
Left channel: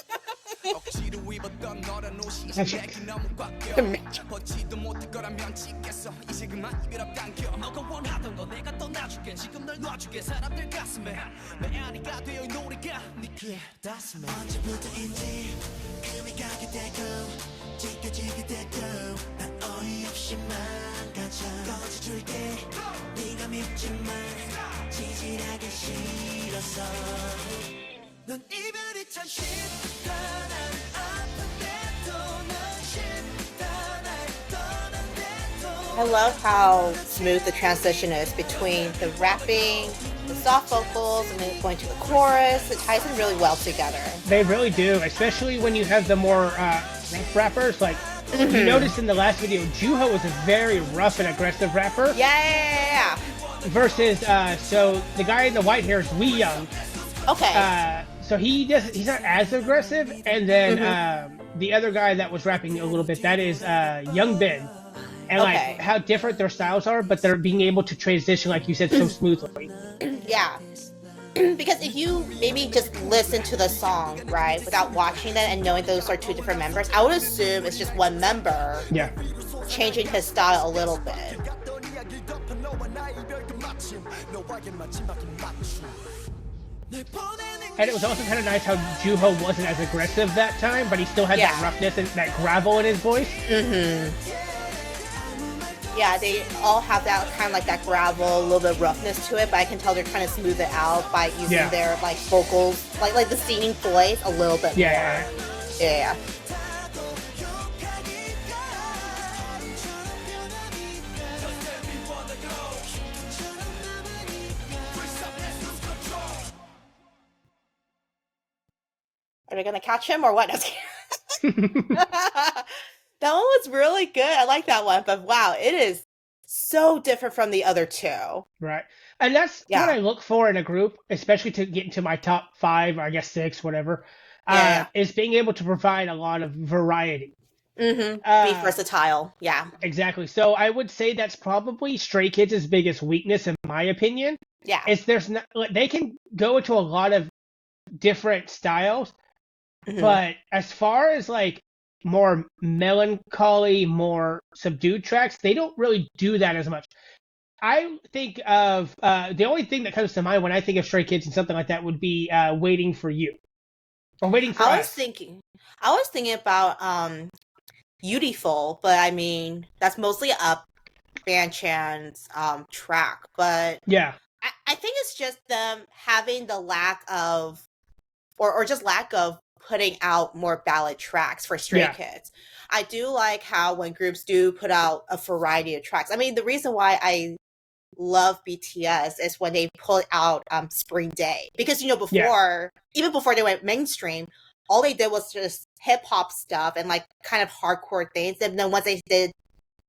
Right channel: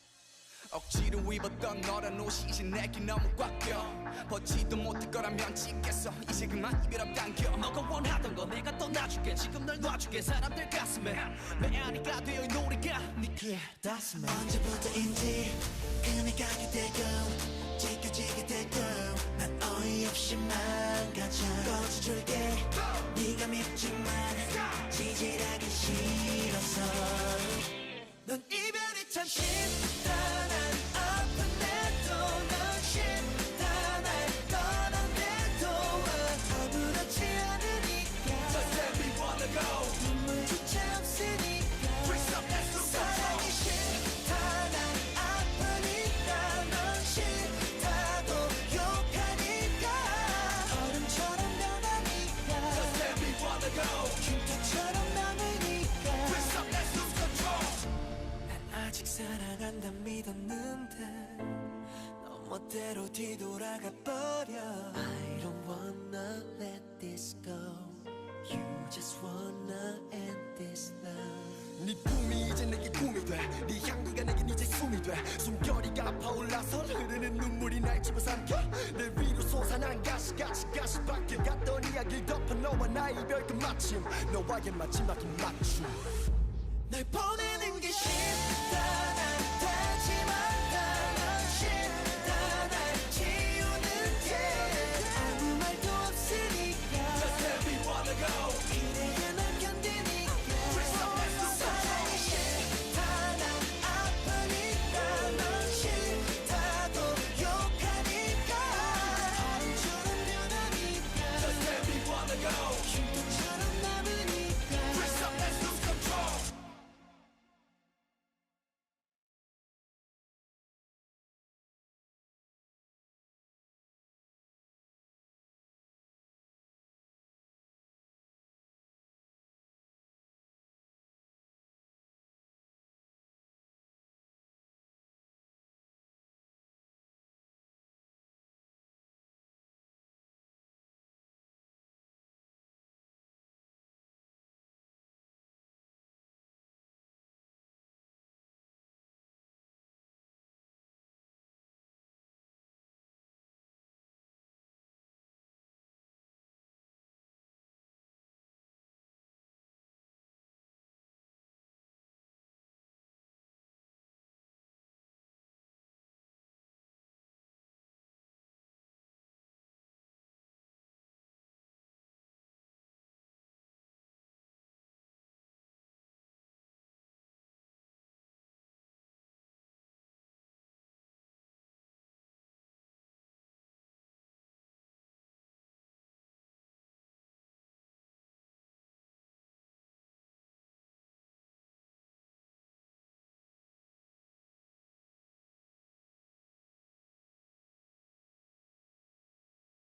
I love how smooth the transition is between the rapping, the soft vocals, and then going to the chorus. It ties them really well together. They really do, especially when you have the more rappers. Like, you noticed in the last video, Juho was a very rough and aggressive rapper. Yeah. Versus, so the guy in the white hair is Wee Young. Okay. So he's not as aggressive. And then the other guy that was rapping a little bit, that is Young Ben. And like how different their styles are, but they're being able to transition, like you said, so smoothly. Yeah. Because if you maybe just listen to the song, right, without watching it and knowing those are two different members, I would assume it's just one member changing his style a little bit. And it was also kind of nice how Juho wasn't as aggressive that time, but he still had that roughness and that gravel in his voice. Yeah, Yeah, they all have that kind of like that gravel, a little bit of roughness to it, but I can tell they're trying to smooth it out by using their like vocals, like the singing voice a little bit more. Yeah. Are they gonna catch him or what? That one was really good. I like that one, but wow, it is so different from the other two. Right. And that's what I look for in a group, especially to get into my top 5, or I guess 6, whatever, is being able to provide a lot of variety. Be versatile. Yeah. Exactly. So I would say that's probably Stray Kids' biggest weakness, in my opinion. Yeah. Is there's not, they can go into a lot of different styles, but as far as like more melancholy, more subdued tracks, they don't really do that as much. I think of the only thing that comes to mind when I think of Stray Kids and something like that would be Waiting for You or Waiting for Us. I was thinking about Beautiful, but I mean that's mostly a Banchan's track, but yeah, I think it's just them having the lack of or just lack of putting out more ballad tracks for Stray Kids. I do like how when groups do put out a variety of tracks. I mean, the reason why I love BTS is when they put out Spring Day, because even before they went mainstream, all they did was just hip hop stuff and like kind of hardcore things. And then once they did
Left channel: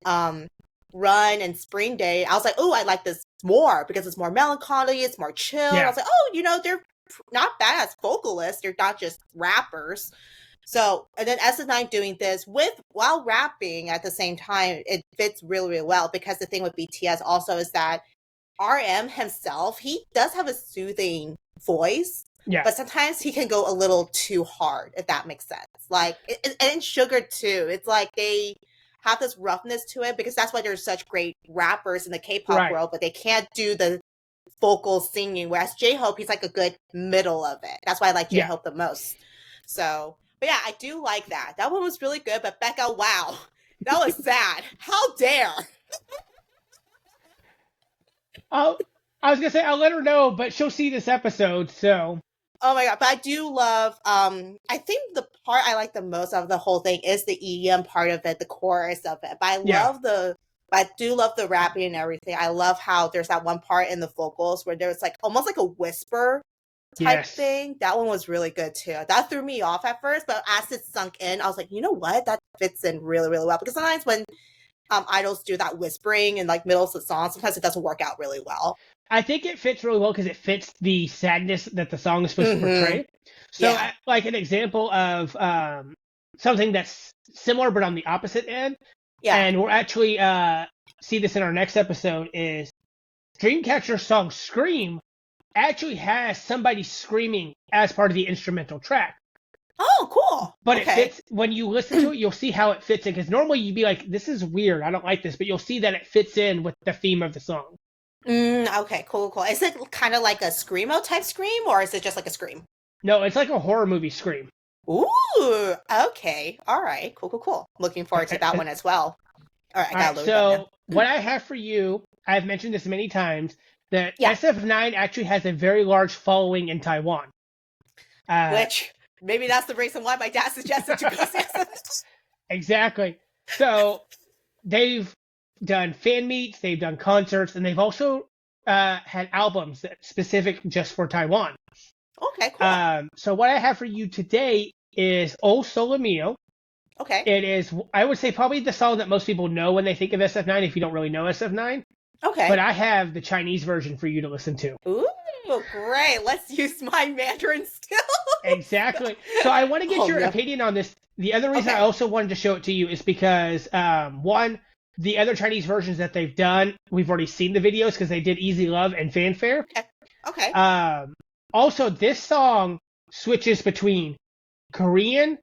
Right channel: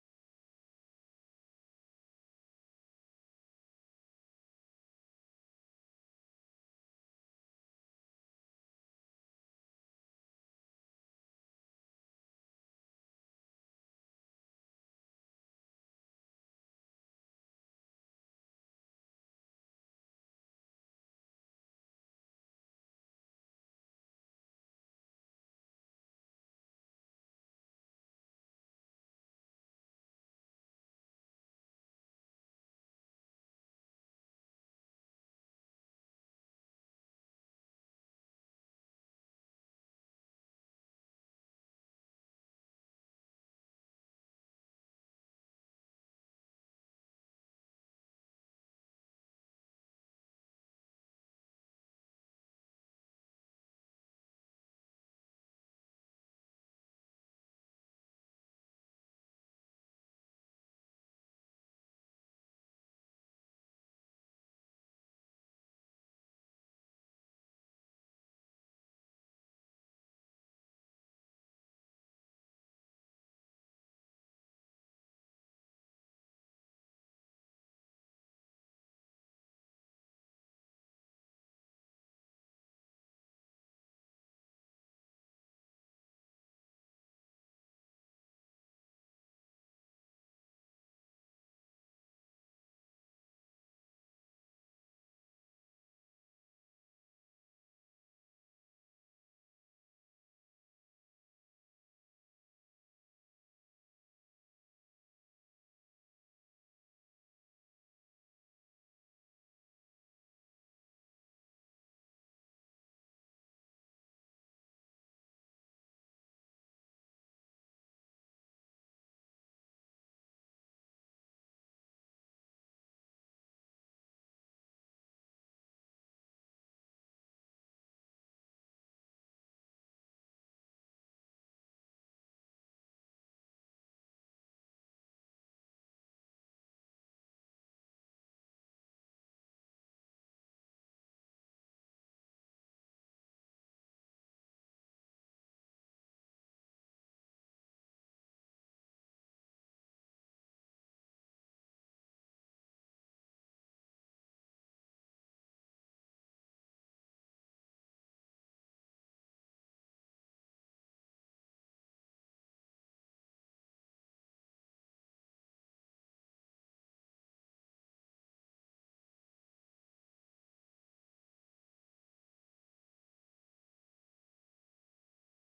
Run and Spring Day, I was like, oh, I like this more because it's more melancholy, it's more chill. I was like, oh, they're not bad as vocalists, they're not just rappers. So, and then SF9 doing this while rapping at the same time, it fits really, really well, because the thing with BTS also is that RM himself, he does have a soothing voice, but sometimes he can go a little too hard, if that makes sense. Like, and Sugar too, it's like they have this roughness to it, because that's why there's such great rappers in the K-pop world, but they can't do the vocal singing, whereas J-Hope, he's like a good middle of it. That's why I like J-Hope the most. So, but yeah, I do like that. That one was really good, but Becca, wow, that was sad. How dare. I was gonna say I'll let her know, but she'll see this episode, so. Oh my god, but I do love, I think the part I like the most of the whole thing is the EDM part of it, the chorus of it. But I do love the rapping and everything. I love how there's that one part in the vocals where there's like almost like a whisper type thing. That one was really good too. That threw me off at first, but as it sunk in, I was like, you know what? That fits in really, really well. Because sometimes when idols do that whispering in like middle of the song, sometimes it doesn't work out really well. I think it fits really well because it fits the sadness that the song is supposed to portray. So, like an example of something that's similar but on the opposite end, and we'll actually see this in our next episode, is Dreamcatcher's song Scream actually has somebody screaming as part of the instrumental track. Oh, cool. But it fits, when you listen to it, you'll see how it fits in, because normally you'd be like, this is weird, I don't like this, but you'll see that it fits in with the theme of the song. Okay, cool. Is it kind of like a Screamo type scream, or is it just like a scream? No, it's like a horror movie scream. Ooh, okay. All right, cool. Looking forward to that one as well. All right, I gotta load that in. What I have for you, I've mentioned this many times, that SF9 actually has a very large following in Taiwan. Which, maybe that's the reason why my dad suggested to go see SF9. Exactly. So, they've done fan meets, they've done concerts, and they've also had albums that specific just for Taiwan. Okay, cool. So what I have for you today is OSoleMio. Okay. It is, I would say, probably the song that most people know when they think of SF9, if you don't really know SF9. Okay. But I have the Chinese version for you to listen to. Ooh, great. Let's use my Mandarin skills. Exactly. So I want to get your opinion on this. The other reason I also wanted to show it to you is because, one, the other Chinese versions that they've done, we've already seen the videos because they did Easy Love and Fanfare. Okay. Also, this song switches between Korean,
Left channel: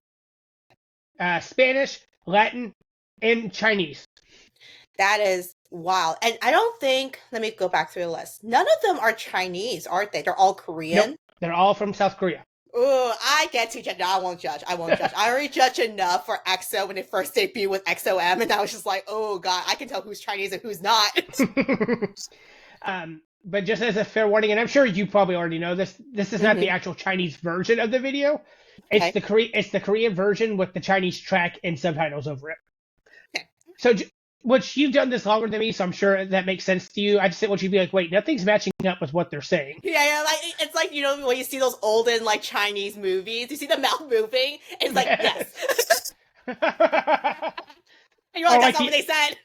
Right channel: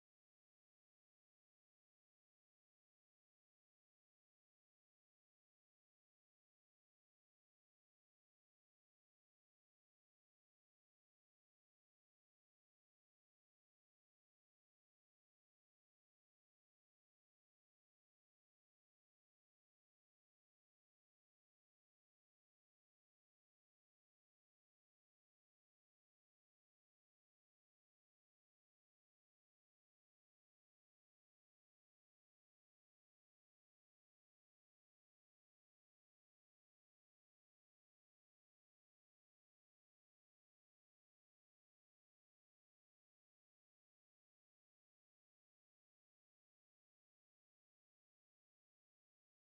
Spanish, Latin, and Chinese. That is wild. And I don't think, let me go back through the list. None of them are Chinese, aren't they? They're all Korean? Nope, they're all from South Korea. Ooh, I get to judge. No, I won't judge. I won't judge. I already judged enough for EXO when it first debuted with XOM, and I was just like, oh god, I can tell who's Chinese and who's not. But just as a fair warning, and I'm sure you probably already know this, this is not the actual Chinese version of the video. It's Okay. the Korean version with the Chinese track and subtitles over it. Okay. So, which you've done this longer than me, so I'm sure that makes sense to you. I just want you to be like, wait, nothing's matching up with what they're saying. Yeah, like it's like, you know, when you see those olden like Chinese movies, you see the mouth moving, and it's like, yes. And you're like, that's not what they said.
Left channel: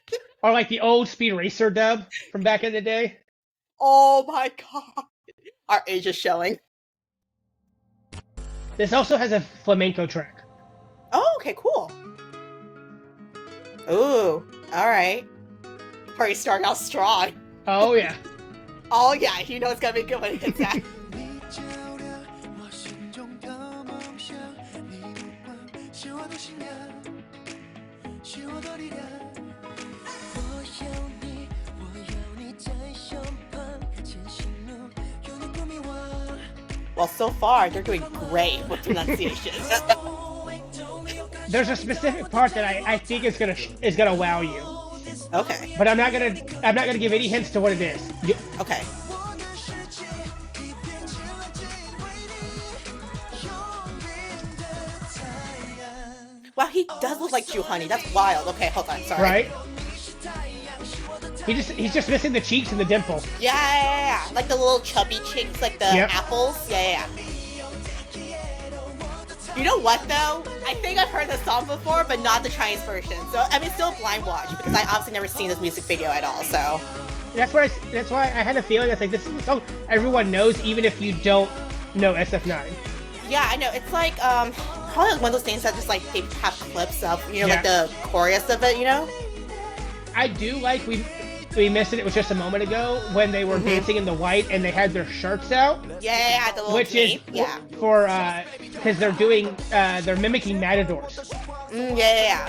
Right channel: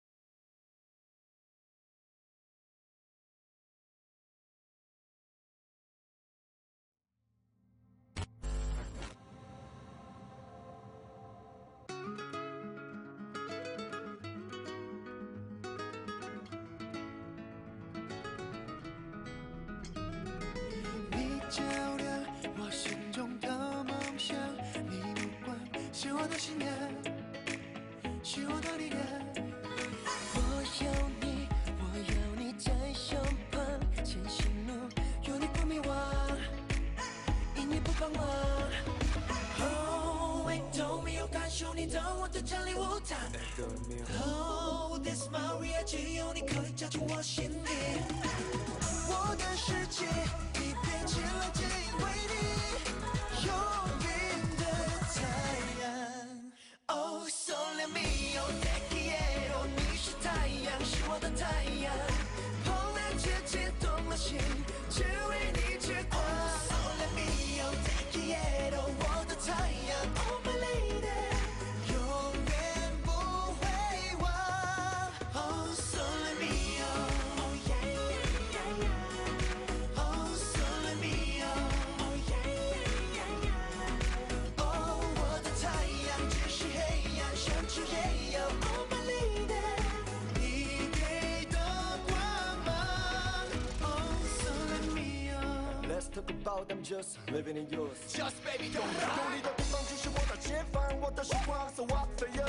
Or like the old Speed Racer dub from back in the day. Oh my god. Our age is showing. This also has a flamenco track. Oh, okay, cool. Ooh, alright. Party starting out strong. Oh yeah. Oh yeah, you know it's gonna be good when it hits that. Well, so far they're doing great with pronunciation. There's a specific part that I think is gonna wow you. Okay. But I'm not gonna give any hints to what it is. Okay. Wow, he does look like Chew Honey. That's wild. Okay, hold on. Sorry. Right? He's just missing the cheeks and the dimples. Yeah. Like the little chubby cheeks, like the apples. Yeah. You know what though? I think I've heard the song before, but not the Chinese version. So I mean, still blind watch because I obviously never seen this music video at all. So that's why I had a feeling that's like this song everyone knows, even if you don't know SF9. Yeah, I know. It's like probably one of those things that just like they have clips of, you know, like the chorus of it, you know. I do like we missed it. It was just a moment ago when they were dancing in the white and they had their shirts out. Yeah, the little which dream. is for because they're mimicking matadors. Yeah.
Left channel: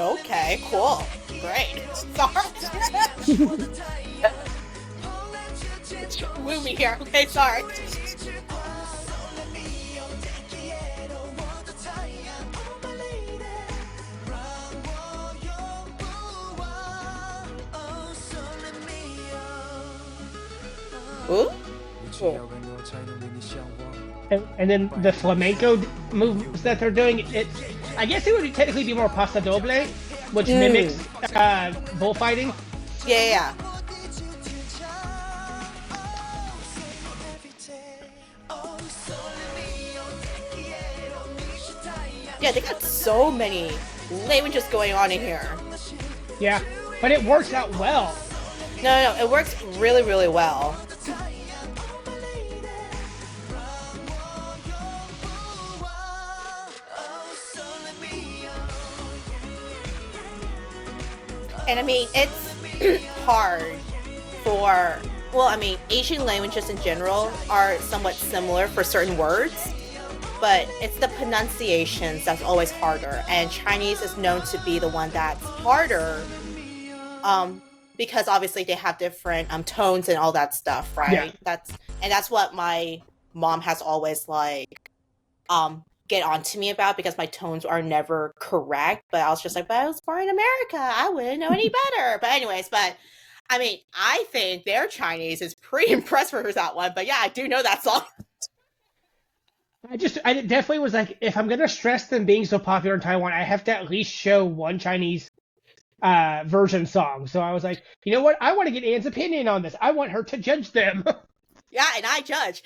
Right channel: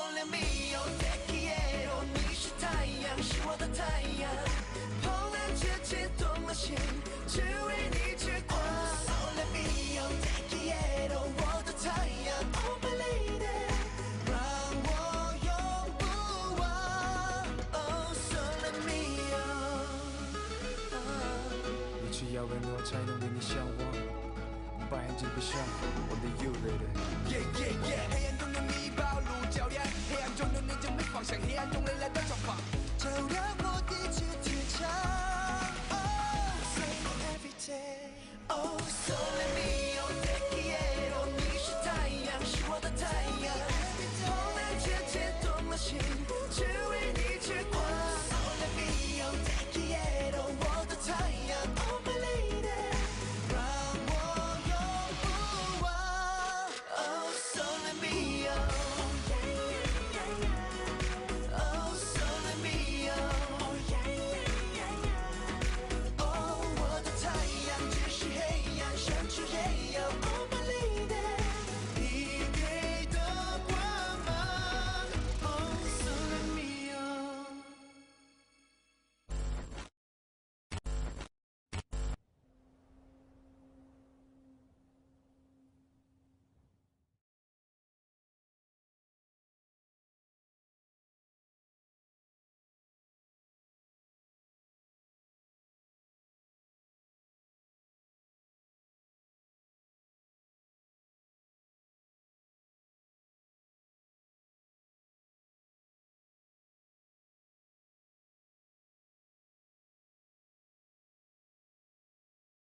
Okay, cool. Great. Movie here. Okay, sorry. Ooh. Cool. And then the flamenco moves that they're doing, I guess it would technically be more paso doble, which mimics bullfighting. Yeah. Yeah, they got so many languages going on in here. Yeah, but it works out well. No, it works really, really well. And I mean, it's hard for, well, I mean, Asian languages in general are somewhat similar for certain words, but it's the pronunciations that's always harder. And Chinese is known to be the one that's harder, because obviously they have different tones and all that stuff, right? Yeah. That's what my mom has always like get on to me about, because my tones are never correct. But I was just like, but I was born in America, I wouldn't know any better. But anyways, but I mean, I think their Chinese is pretty impressed for that one. But yeah, I do know that song. I definitely was like, if I'm gonna stress them being so popular in Taiwan, I have to at least show one Chinese version song. So I was like, you know what? I want to get Anne's opinion on this. I want her to judge them. Yeah, and I judge.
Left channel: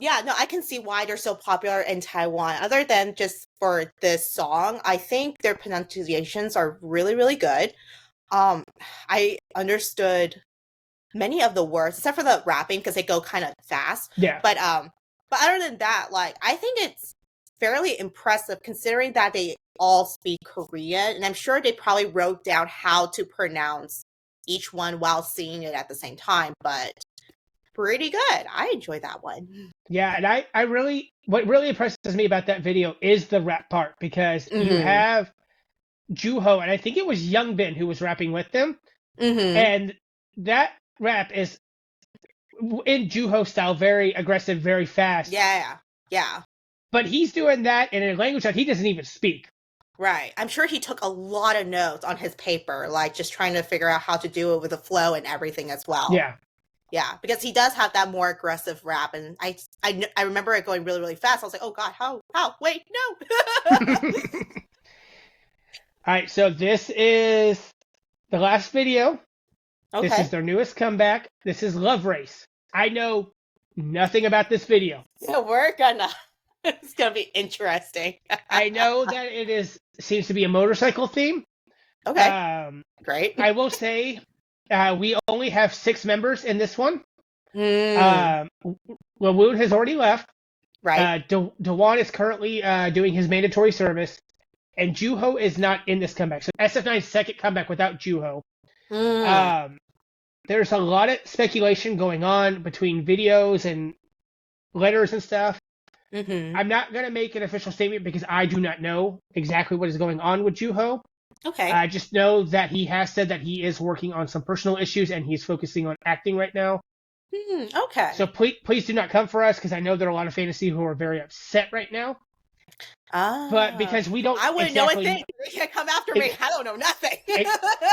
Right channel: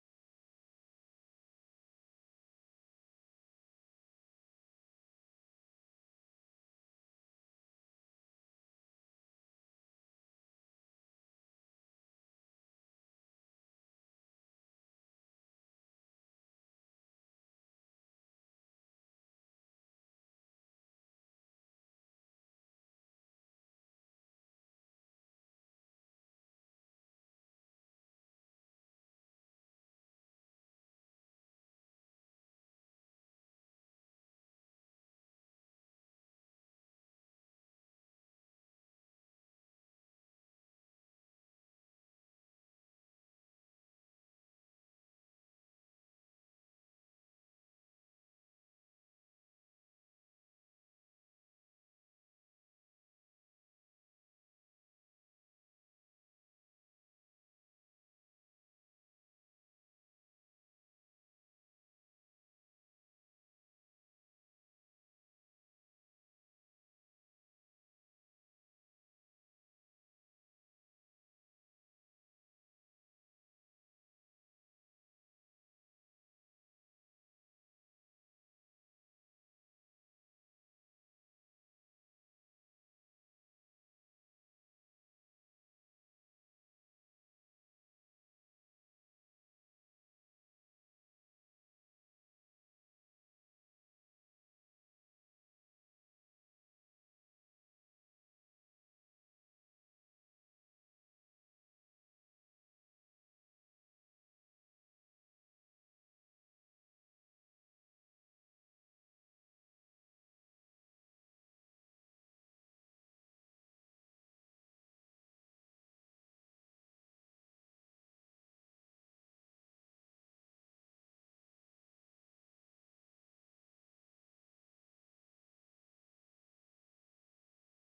Yeah, no, I can see why they're so popular in Taiwan. Other than just for this song, I think their pronunciations are really, really good. I understood many of the words, except for the rapping, because they go kind of fast. Yeah. But other than that, like, I think it's fairly impressive considering that they all speak Korean, and I'm sure they probably wrote down how to pronounce each one while singing it at the same time, but pretty good. I enjoyed that one. Yeah, and I really, what really impresses me about that video is the rap part, because you Mm-hmm. have Juho, and I think it was Youngbin who was rapping with them, Mm-hmm. and that rap is in Juho style, very aggressive, very fast. Yeah. Yeah. But he's doing that in a language that he doesn't even speak. Right. I'm sure he took a lot of notes on his paper, like just trying to figure out how to do it with the flow and everything as well. Yeah. Yeah, because he does have that more aggressive rap, and I remember it going really, really fast. I was like, oh god, how? Wait, no. All right, so this is the last video. Okay. This is their newest comeback. This is Love Race. I know nothing about this video. Yeah, it's gonna be interesting. I know that seems to be a motorcycle theme. Okay. Great. I will say we only have 6 members in this one. Lawoon has already left. Right. Dewan is currently doing his mandatory service, and Juho is not in this comeback. So SF9's second comeback without Juho. There's a lot of speculation going on between videos and letters and stuff. Mm-hmm. I'm not going to make an official statement because I do not know exactly what is going on with Juho. Okay. I just know that he has said that he is working on some personal issues and he's focusing on acting right now. Okay. So please do not come for us, because I know there are a lot of fantasy who are very upset right now. But because we don't, I wouldn't know a thing. They can't come after me. I don't know nothing.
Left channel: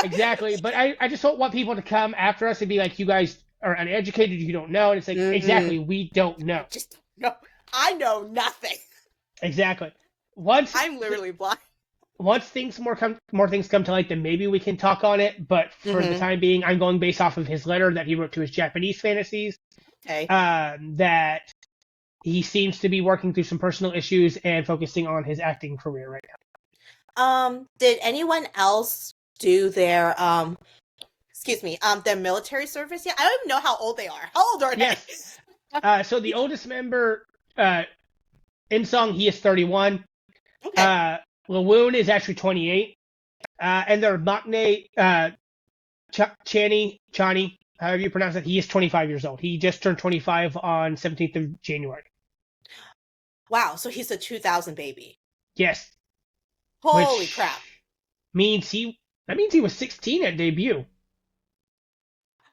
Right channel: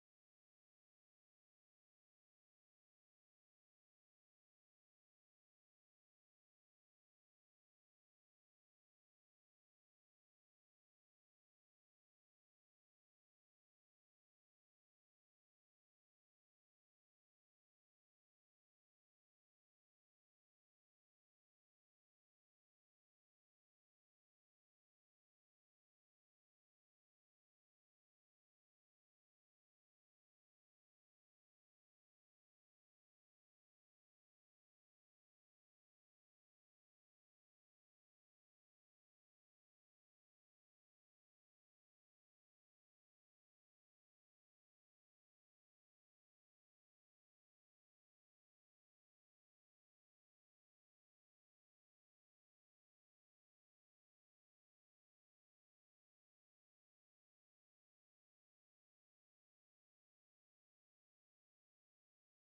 Exactly. But I just don't want people to come after us and be like, you guys are uneducated, you don't know. And it's like, exactly, we don't know. Just no. I know nothing. Exactly. I'm literally blind. Once more things come to light, then maybe we can talk on it. But for the time being, I'm going based off of his letter that he wrote to his Japanese fantasies. Okay. That he seems to be working through some personal issues and focusing on his acting career right now. Did anyone else do their their military service yet? I don't even know how old they are. How old are they? Yes. So the oldest member, in song, he is 31. Okay. Lawoon is actually 28. And their maknae, Chani, however you pronounce it, he is 25 years old. He just turned 25 on 17th of January. Wow, so he's a 2000 baby. Yes. Holy crap. That means he was 16 at debut.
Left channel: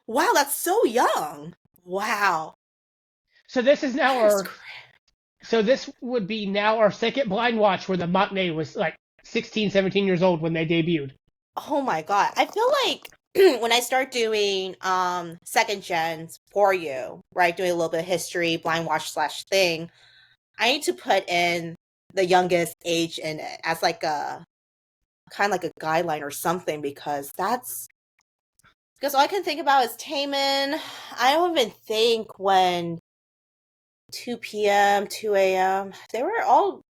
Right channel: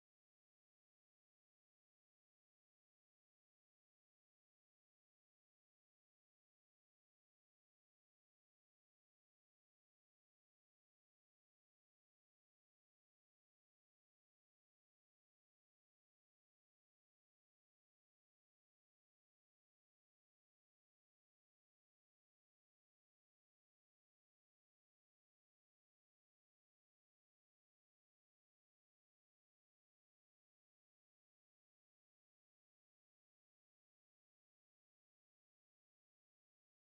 Wow, that's so young. Wow. So this is now this would be now our second blind watch where the maknae was like 16, 17 years old when they debuted. Oh my god. I feel like when I start doing second gens for you, right, doing a little bit of history, blind watch / thing, I need to put in the youngest age in it as like a kind of like a guideline or something, because all I can think about is Taemin. I don't even think when 2 p.m., 2 a.m., they were all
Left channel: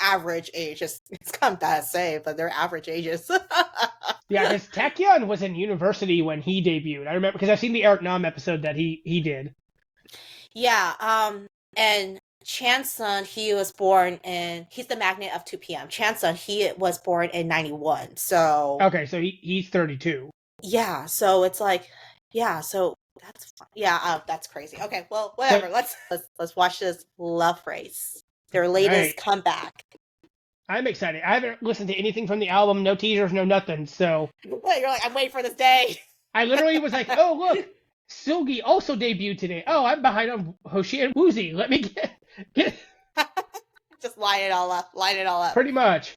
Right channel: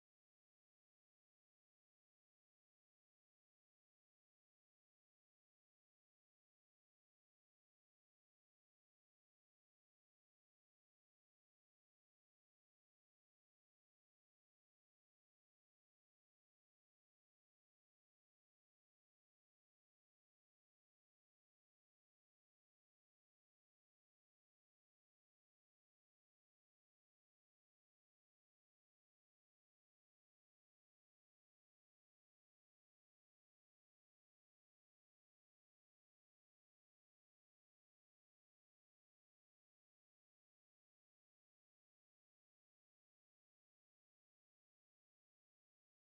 average ages. It's kind of bad to say, but they're average ages. Yeah, because Taekyon was in university when he debuted. I remember because I've seen the Eric Nam episode that he did. Yeah, and Chansun, he's the magnet of 2 p.m. Chansun, he was born in 91. So okay, so he's 32. Yeah, so it's like, yeah, so that's fun. Yeah, that's crazy. Okay, well, whatever. Let's watch this Love Race, their latest comeback. I'm excited. I haven't listened to anything from the album, no teasers, no nothing. So you're like, I'm waiting for this day. I literally was like, oh look, Silgi also debuted today. Oh, I'm behind on Hoshi and Woozy. Let me get just line it all up. Pretty much.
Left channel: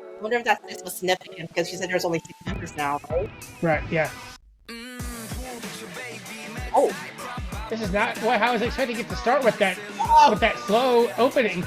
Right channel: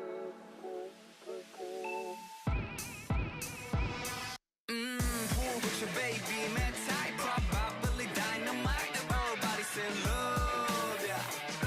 I wonder if that's so significant, because she said there's only 6 members now, right? Right, yeah. Oh, this is not how I was expecting it to start with that slow opening.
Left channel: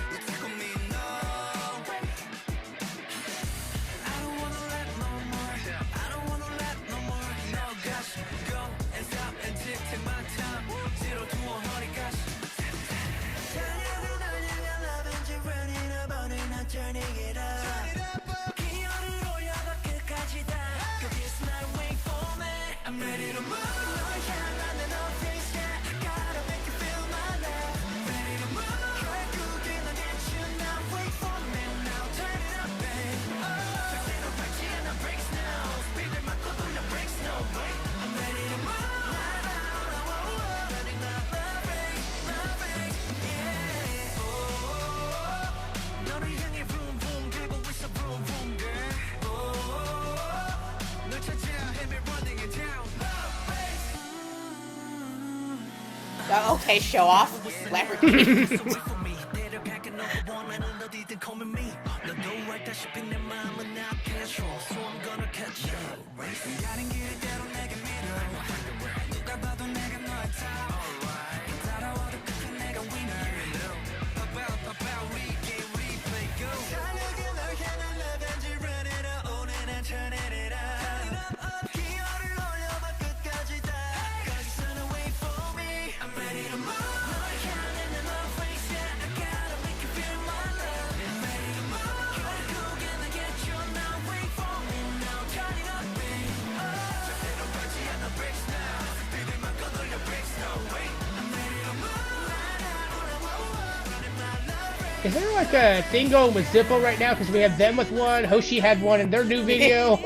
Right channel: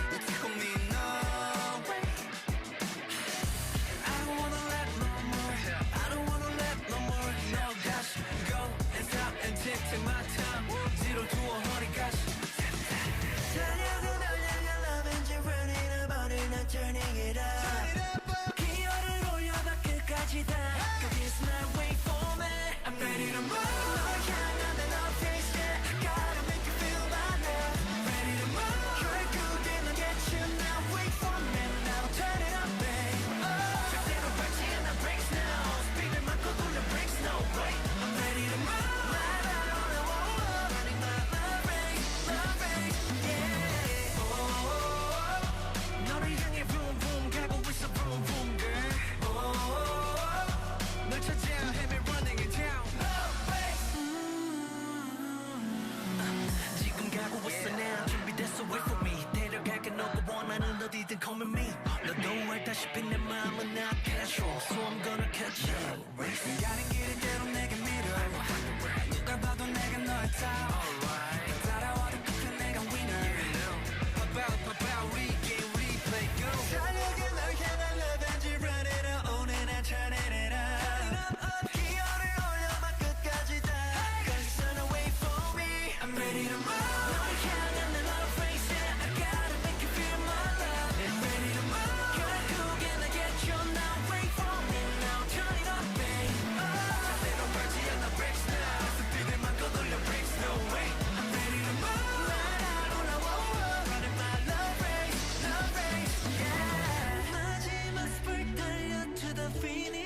Okay, show off. Celebrity. Is there like a thing going with Zippo right now? Because we have them with one, Hoshi had one in their new video.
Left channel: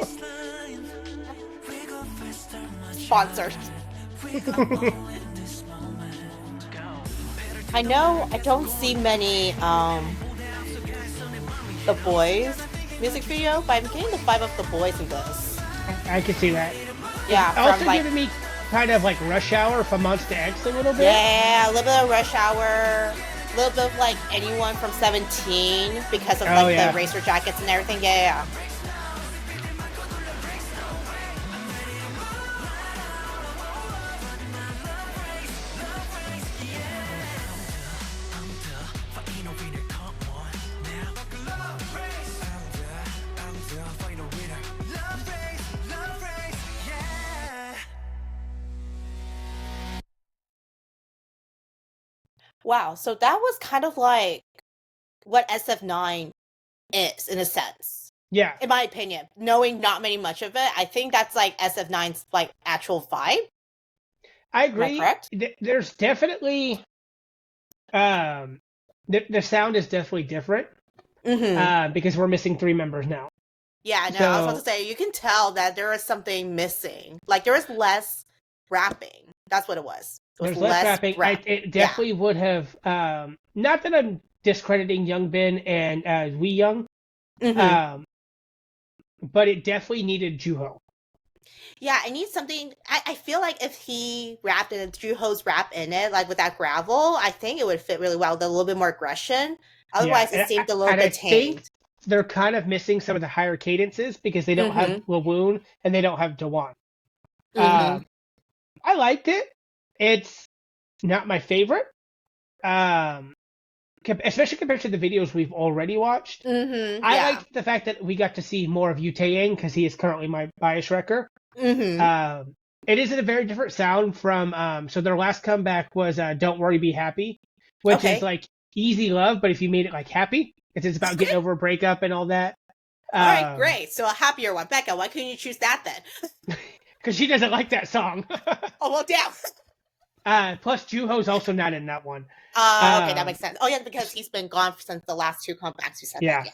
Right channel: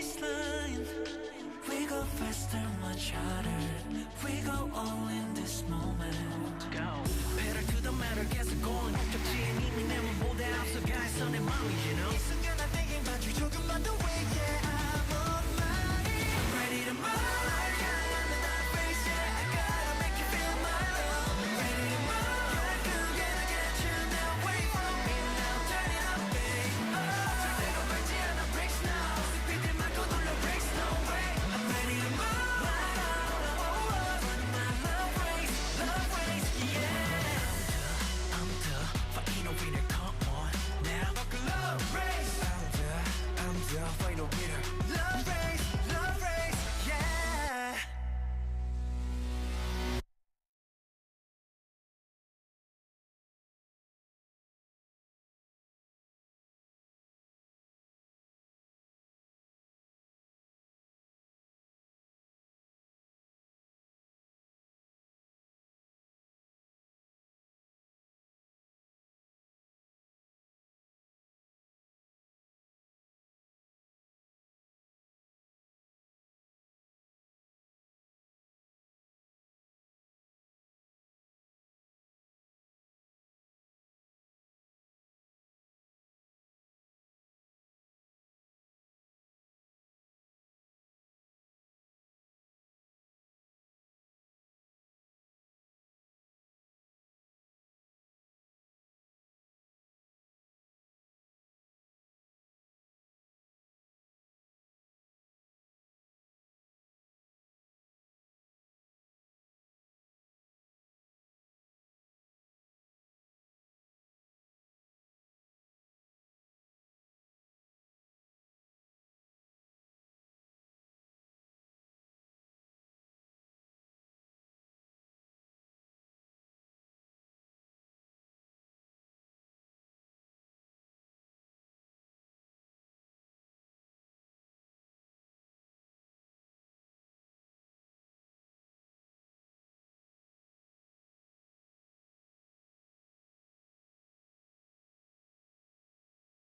Sponsored. I know I don't see many The Boys music video, but I'm getting the vibe of The Boys in this. I can see that. Yeah, Also giving me kind of like Rush Hour from Monster X a little bit. Yeah, a little bit of Rush Hour, a little bit of like anyone from 17 because of the racer jackets and everything. Yeah. Wow, so that was kind of like what SF9 is in a sense. Yeah. In my opinion, knowing not much of it, I think that's like SF9's like actual vibe. I agree. Am I correct? There's definitely the sound is definitely different. Because we're missing 3 members now. Yeah, no, I was about to say, you can tell that there is something missing. Like, there was less rapping. That's what it was. There's less rapping. It definitely would have, not that I'm discrediting Young Ben and Wee Young, but it definitely needed Juho. Yeah, I need something. I feel like if he rapped and Juho's rap in it, like with that gravel, I think it would fit really well with a little bit more aggression. Otherwise, it seemed a little bit tamed. They're kind of missing some of the higher cadences because they don't have Lawoon and they don't have Dewan. I liked it. It's not my favorite, especially compared to the videos we've already watched. I liked the fact that we got to see more of Yu Taeyang because he is currently my bias wrecker. It is a very different sound from, so their last comeback was Don't Worry, Be Happy, which is like easy love, but if you made it like happy, it's about getting over a breakup and all that. All right, great. So a happier one. Becca, why couldn't you choose that then? Because she doesn't like that song. Oh, well, damn. Plus, Juho's also not in that one. Okay, that makes sense. Oh, yeah, because he's been gone since the last 2 comebacks. You said that.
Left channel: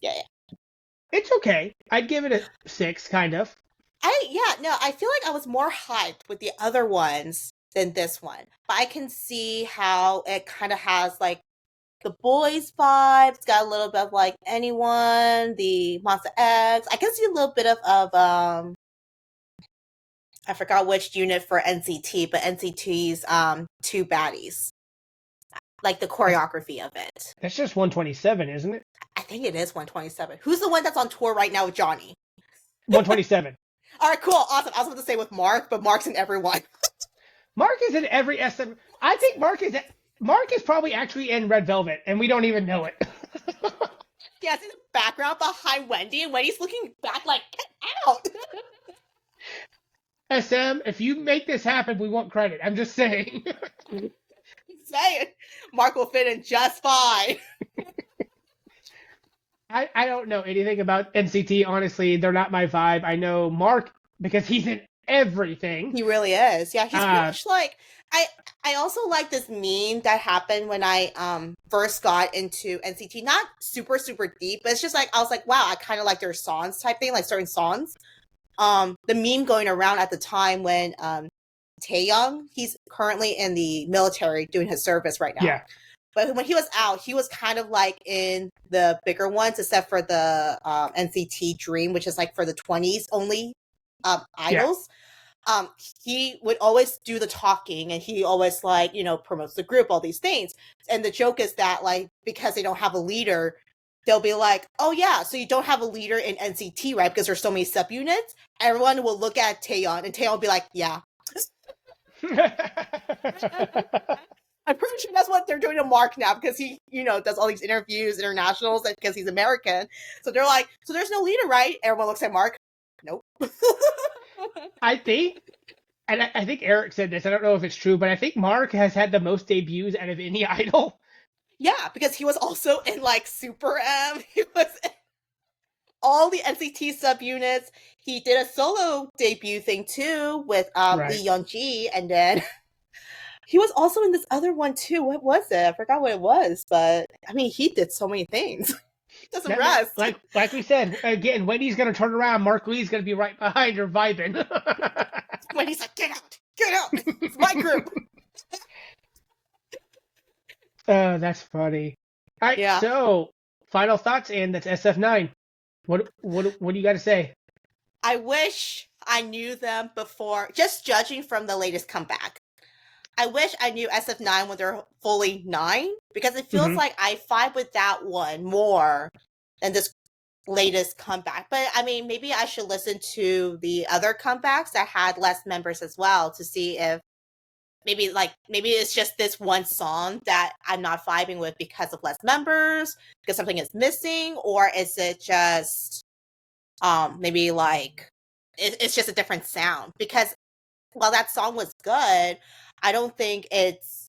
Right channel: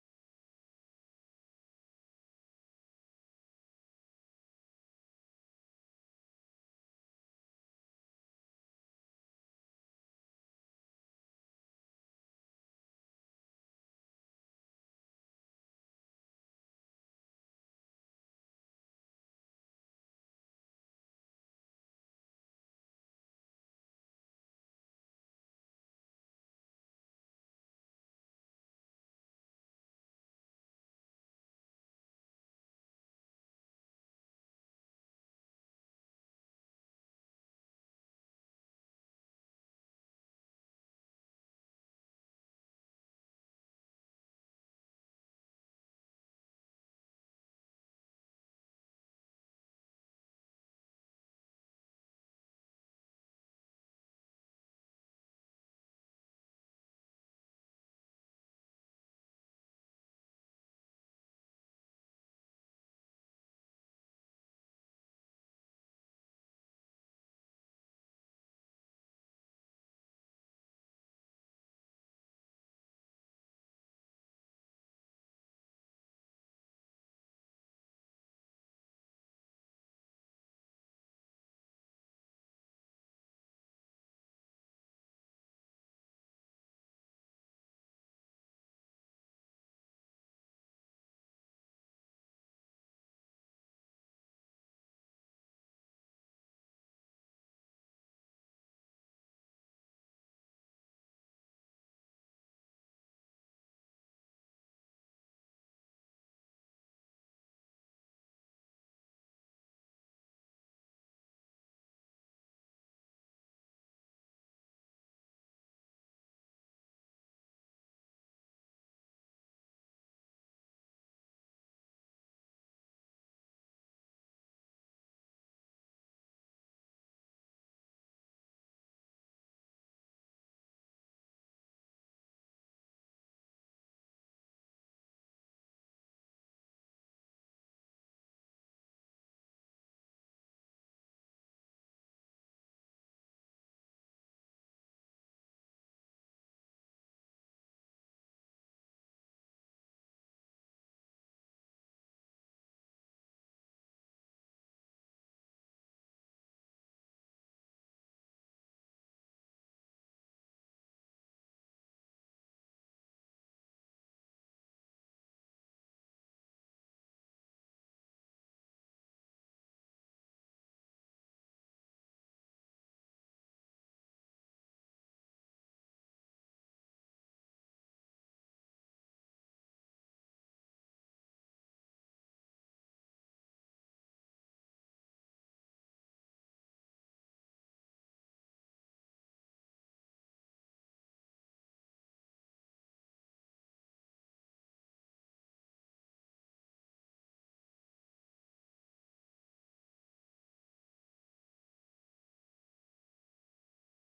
Yeah. It's okay. I'd give it a 6, kind of. I feel like I was more hyped with the other ones than this one. But I can see how it kind of has, like, the Boys vibe. It's got a little bit of, like, Anyone, the Monster X. I can see a little bit of I forgot which unit for NCT, but NCT's 2 baddies. Like the choreography of it. That's just 127, isn't it? I think it is 127. Who's the one that's on tour right now with Johnny? 127. All right, cool, awesome. I was about to say with Mark, but Mark's in everyone. Mark is in every SM. I think Mark is probably actually in Red Velvet, and we don't even know it. Yeah, it's in the background behind Wendy, and Wendy's looking back like, get out! SM, if you make this happen, we want credit. I'm just saying. Saying Mark will fit in just fine. I don't know anything about NCT, honestly. They're not my vibe. I know Mark because he's in everything. He really is. Yeah, he's pretty much like... I also like this meme that happened when I first got into NCT. Not super, super deep, but it's just like, I was like, wow, I kind of like their songs type thing, like certain songs. The meme going around at the time when Taeyong, he's currently in the military doing his service right now. Yeah. But when he was out, he was kind of like in the bigger ones, except for the NCT Dream, which is like for the 20s only idols. he would always do the talking, and he always like, promotes the group, all these things. And the joke is that like because they don't have a leader, they'll be like, "Oh yeah, so you don't have a leader in NCT, right? Because there's so many subunits." Everyone will look at Taeyeon, and Taeyeon will be like, "Yeah." I'm pretty sure that's what they're doing to Mark now because he, does all these interviews, internationals, because he's American. So they're like, "So there's no leader, right?" Everyone looks at Mark. Nope. I think, and I think Eric said this. I don't know if it's true, but I think Mark has had the most debuts out of any idol. Yeah, because he was also in like Super M. He was in all the NCT subunits. He did a solo debut thing too with Right. Lee Young-ji, and then he was also in this other one too. What was it? I forgot what it was, but I mean, he did so many things. He doesn't rest. Like we said again, Wendy's gonna turn around. Mark Lee's gonna be right behind her vibing. When he's like, get out, it's my group. Oh, that's funny. All right, Yeah. so final thoughts, and that's SF9. What do you got to say? I wish I knew them before, just judging from the latest comeback. I wish I knew SF9 when they're fully 9, because it feels like I vibe with that one more than this latest comeback. But I mean, maybe I should listen to the other comebacks that had less members as well to see if maybe it's just this one song that I'm not vibing with because of less members, because something is missing, or is it just maybe like it's just a different sound? Because while that song was good, I don't think it's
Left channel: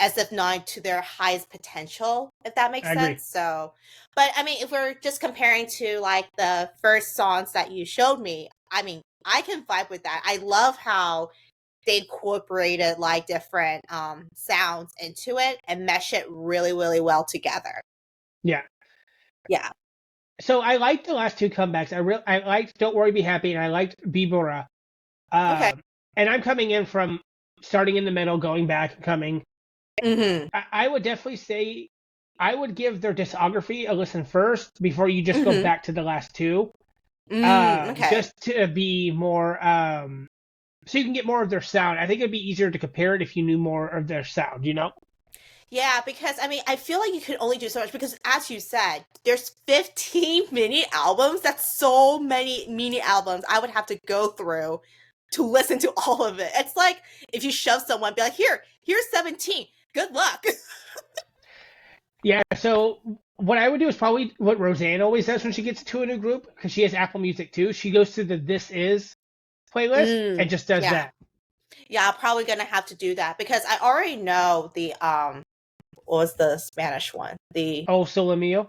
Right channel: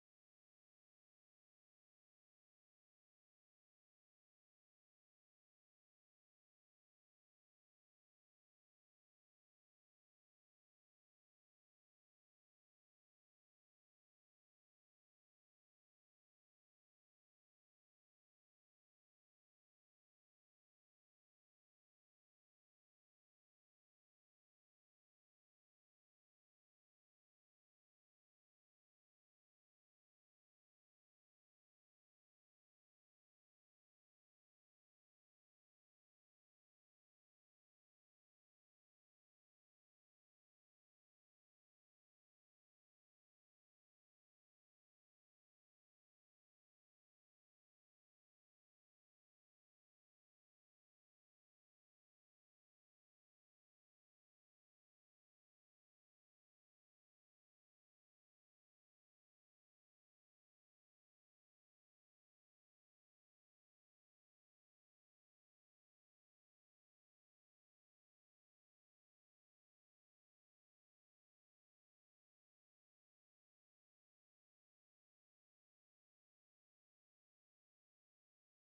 SF9 to their highest potential, if that makes I agree. sense. So, but I mean, if we're just comparing to like the first songs that you showed me, I mean, I can vibe with that. I love how they incorporated like different sounds into it and mesh it really, really well together. Yeah. Yeah. So I liked the last two comebacks. I liked Don't Worry Be Happy, and I liked Bibora. Okay. And I'm coming in from starting in the middle, going back, coming. Mm-hmm. I would definitely say I would give their discography a listen first before you just go Mm-hmm. back to the last two. Okay. Just to be more so you can get more of their sound. I think it'd be easier to compare it if you knew more of their sound, you know? Yeah, because I mean, I feel like you can only do so much because, as you said, there's 15 mini albums. That's so many mini albums I would have to go through to listen to all of it. It's like if you shove someone, be like, here's 17. Good luck. Yeah, so what I would do is probably what Roseanne always does when she gets to a new group, because she has Apple Music too. She goes to the This Is playlist and just does Yeah. that. Yeah, I'm probably gonna have to do that because I already know the what was the Spanish one? The Oh, Sole Mio.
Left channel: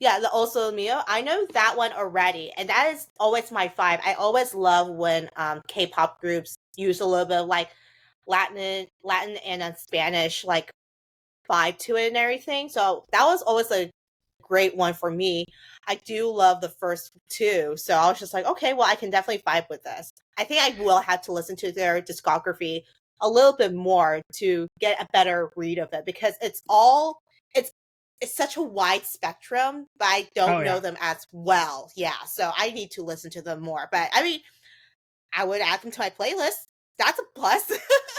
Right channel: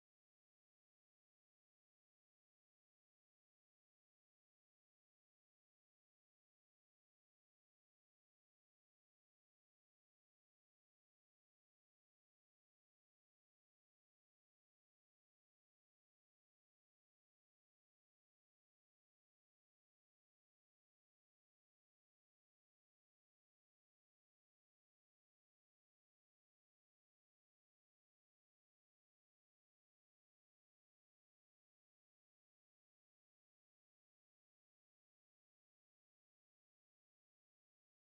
Yeah, the Sole Mio. I know that one already, and that is always my vibe. I always love when K-pop groups use a little bit of like Latin and Spanish like vibe to it and everything. So that was always a great one for me. I do love the first two, so I was just like, okay, well, I can definitely vibe with this. I think I will have to listen to their discography a little bit more to get a better read of it because it's it's such a wide spectrum, but I Oh don't know yeah. them as well. Yeah, so I need to listen to them more. But I mean, I would add them to my playlist. That's a plus.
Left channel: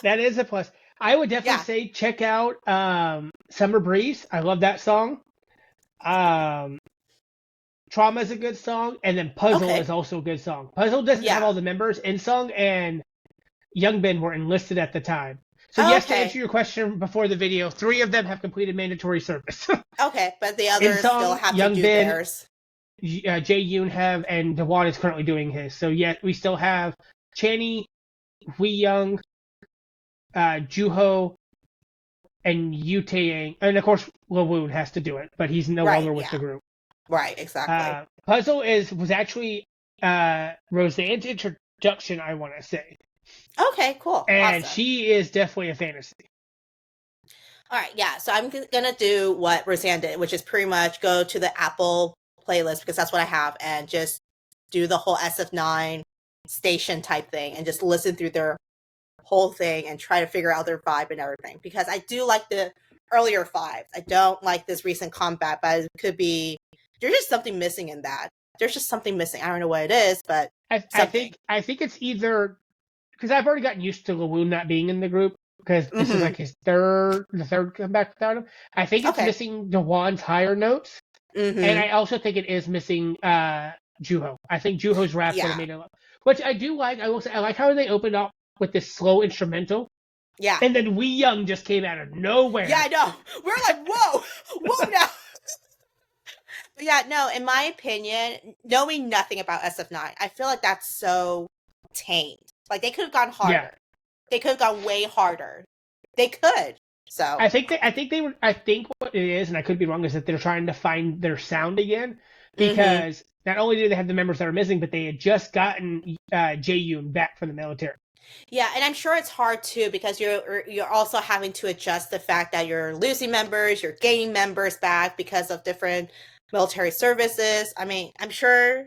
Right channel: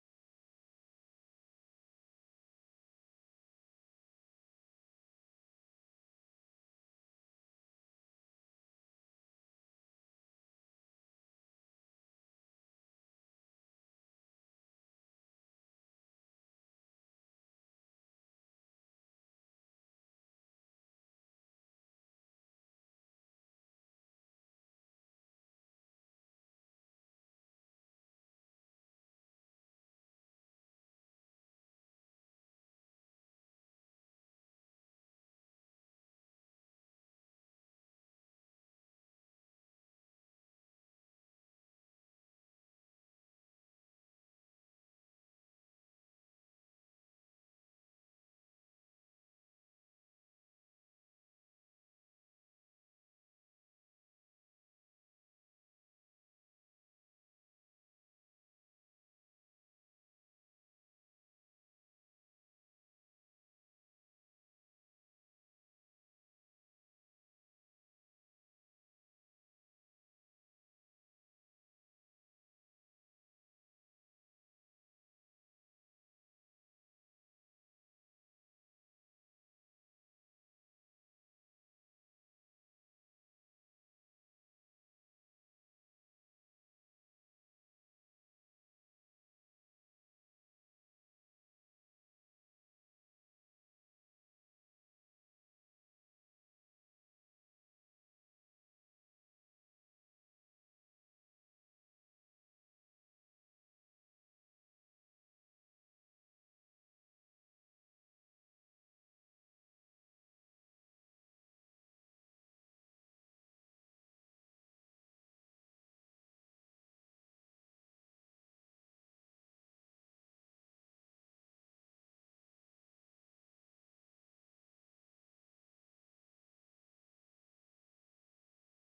That is a plus. I would definitely Yeah. say check out Summer Breeze. I love that song. Um, Trauma is a good song, and then Puzzle Okay. is also a good song. Puzzle doesn't have Yeah. all the members in song, and Youngbin were enlisted at the time. So yes, to answer Okay. your question before the video, 3 of them have completed mandatory service. Okay, but the In others still song, have to do Youngbin, theirs. Jae Yoon have, and Dewan is currently doing his. So yet we still have Channy, Hui Young, Juho, and Yu Taeyang, and of course Lawoon has to do it, but he's no Right, longer with the yeah. group. Right, exactly. Puzzle was actually Roseanne's introduction, I want to say, Okay, cool. and Awesome. she is definitely a fantasy. All right, yeah. So I'm gonna do what Roseanne did, which is pretty much go to the Apple playlist because that's what I have, and just do the whole SF9 station type thing, and just listen through their whole thing and try to figure out their vibe and everything. Because I do like the earlier vibes. I don't like this recent combat, but it could be there's just something missing in that. There's just something missing. I don't know what it is, but something. I think it's either because I've already gotten used to Lawoon not being in the group because this is like the third comeback without him. I think it's missing Dewan's higher notes, and I also think it is missing Juho. I think Juho's rap would have made it up, which I do like. I will say I like how they opened up with this slow instrumental. Yeah. And then We Young just came out of nowhere. Yeah, I know. We're like, whoa now. Yeah, no, in my opinion, knowing nothing about SF9, I feel like that's so tamed. Like, they could have gone harder. Yeah. They could have gone way harder. They could. So I think what it is, and I could be wrong, is that they're trying to find their sound again, because not only did they have the members that are missing, but they had just gotten Jaeyoon back from the military. Yeah, and I'm sure it's hard too, because you're also having to adjust the fact that you're losing members, you're gaining members back because of different military services. I mean, I'm sure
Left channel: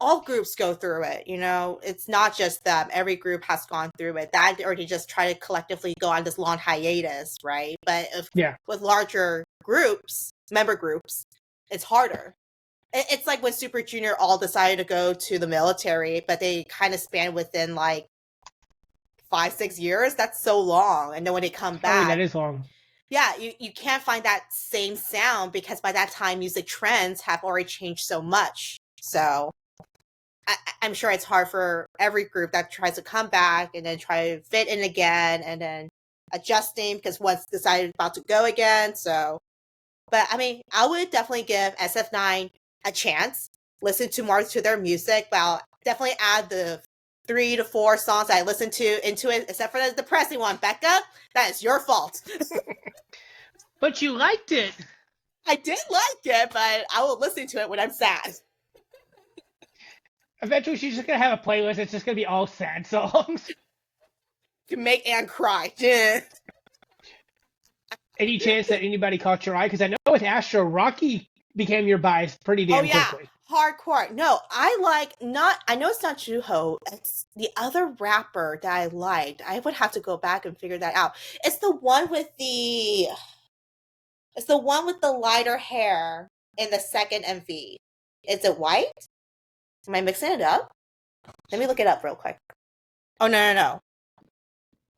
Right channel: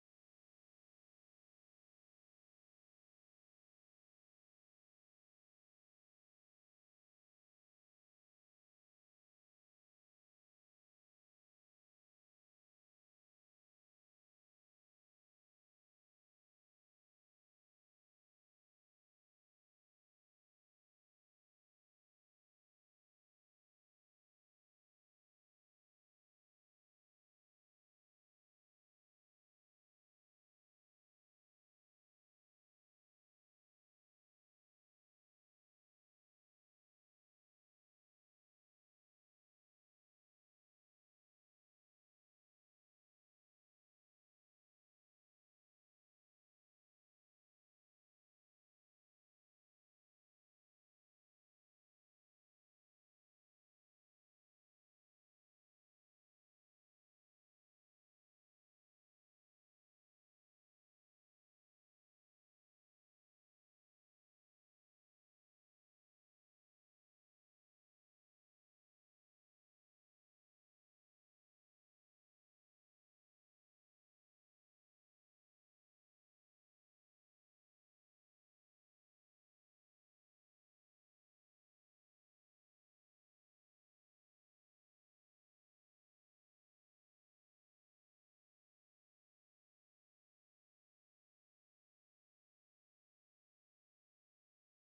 all groups go through it, you know. It's not just them. Every group has gone through it. That, or to just try to collectively go on this long hiatus, right? But with larger groups, member groups, it's harder. It's like when Super Junior all decided to go to the military, but they kind of span within like 5-6 years. That's so long. And then when they come back, that is long. Yeah, you can't find that same sound, because by that time music trends have already changed so much. So I'm sure it's hard for every group that tries to come back and then try to fit in again, and then adjusting because one's decided about to go again. So, but I mean, I would definitely give SF9 a chance, listen to more to their music, but I'll definitely add the 3 to 4 songs I listened to into it, except for the depressing one. Becca, that is your fault. But you liked it. I did like it, but I will listen to it when I'm sad. Eventually, she's just going to have a playlist. It's just going to be all sad songs. To make Anne cry. Yeah. Any chance that anybody caught your eye? Because I know with Astro, Rocky became your bias pretty damn quickly. Hardcore. No, I know it's not Juho. It's the other rapper that I liked. I would have to go back and figure that out. It's the one with the lighter hair in the second MV. Is it white? Am I mixing it up? Let me look it up real quick. Oh, no.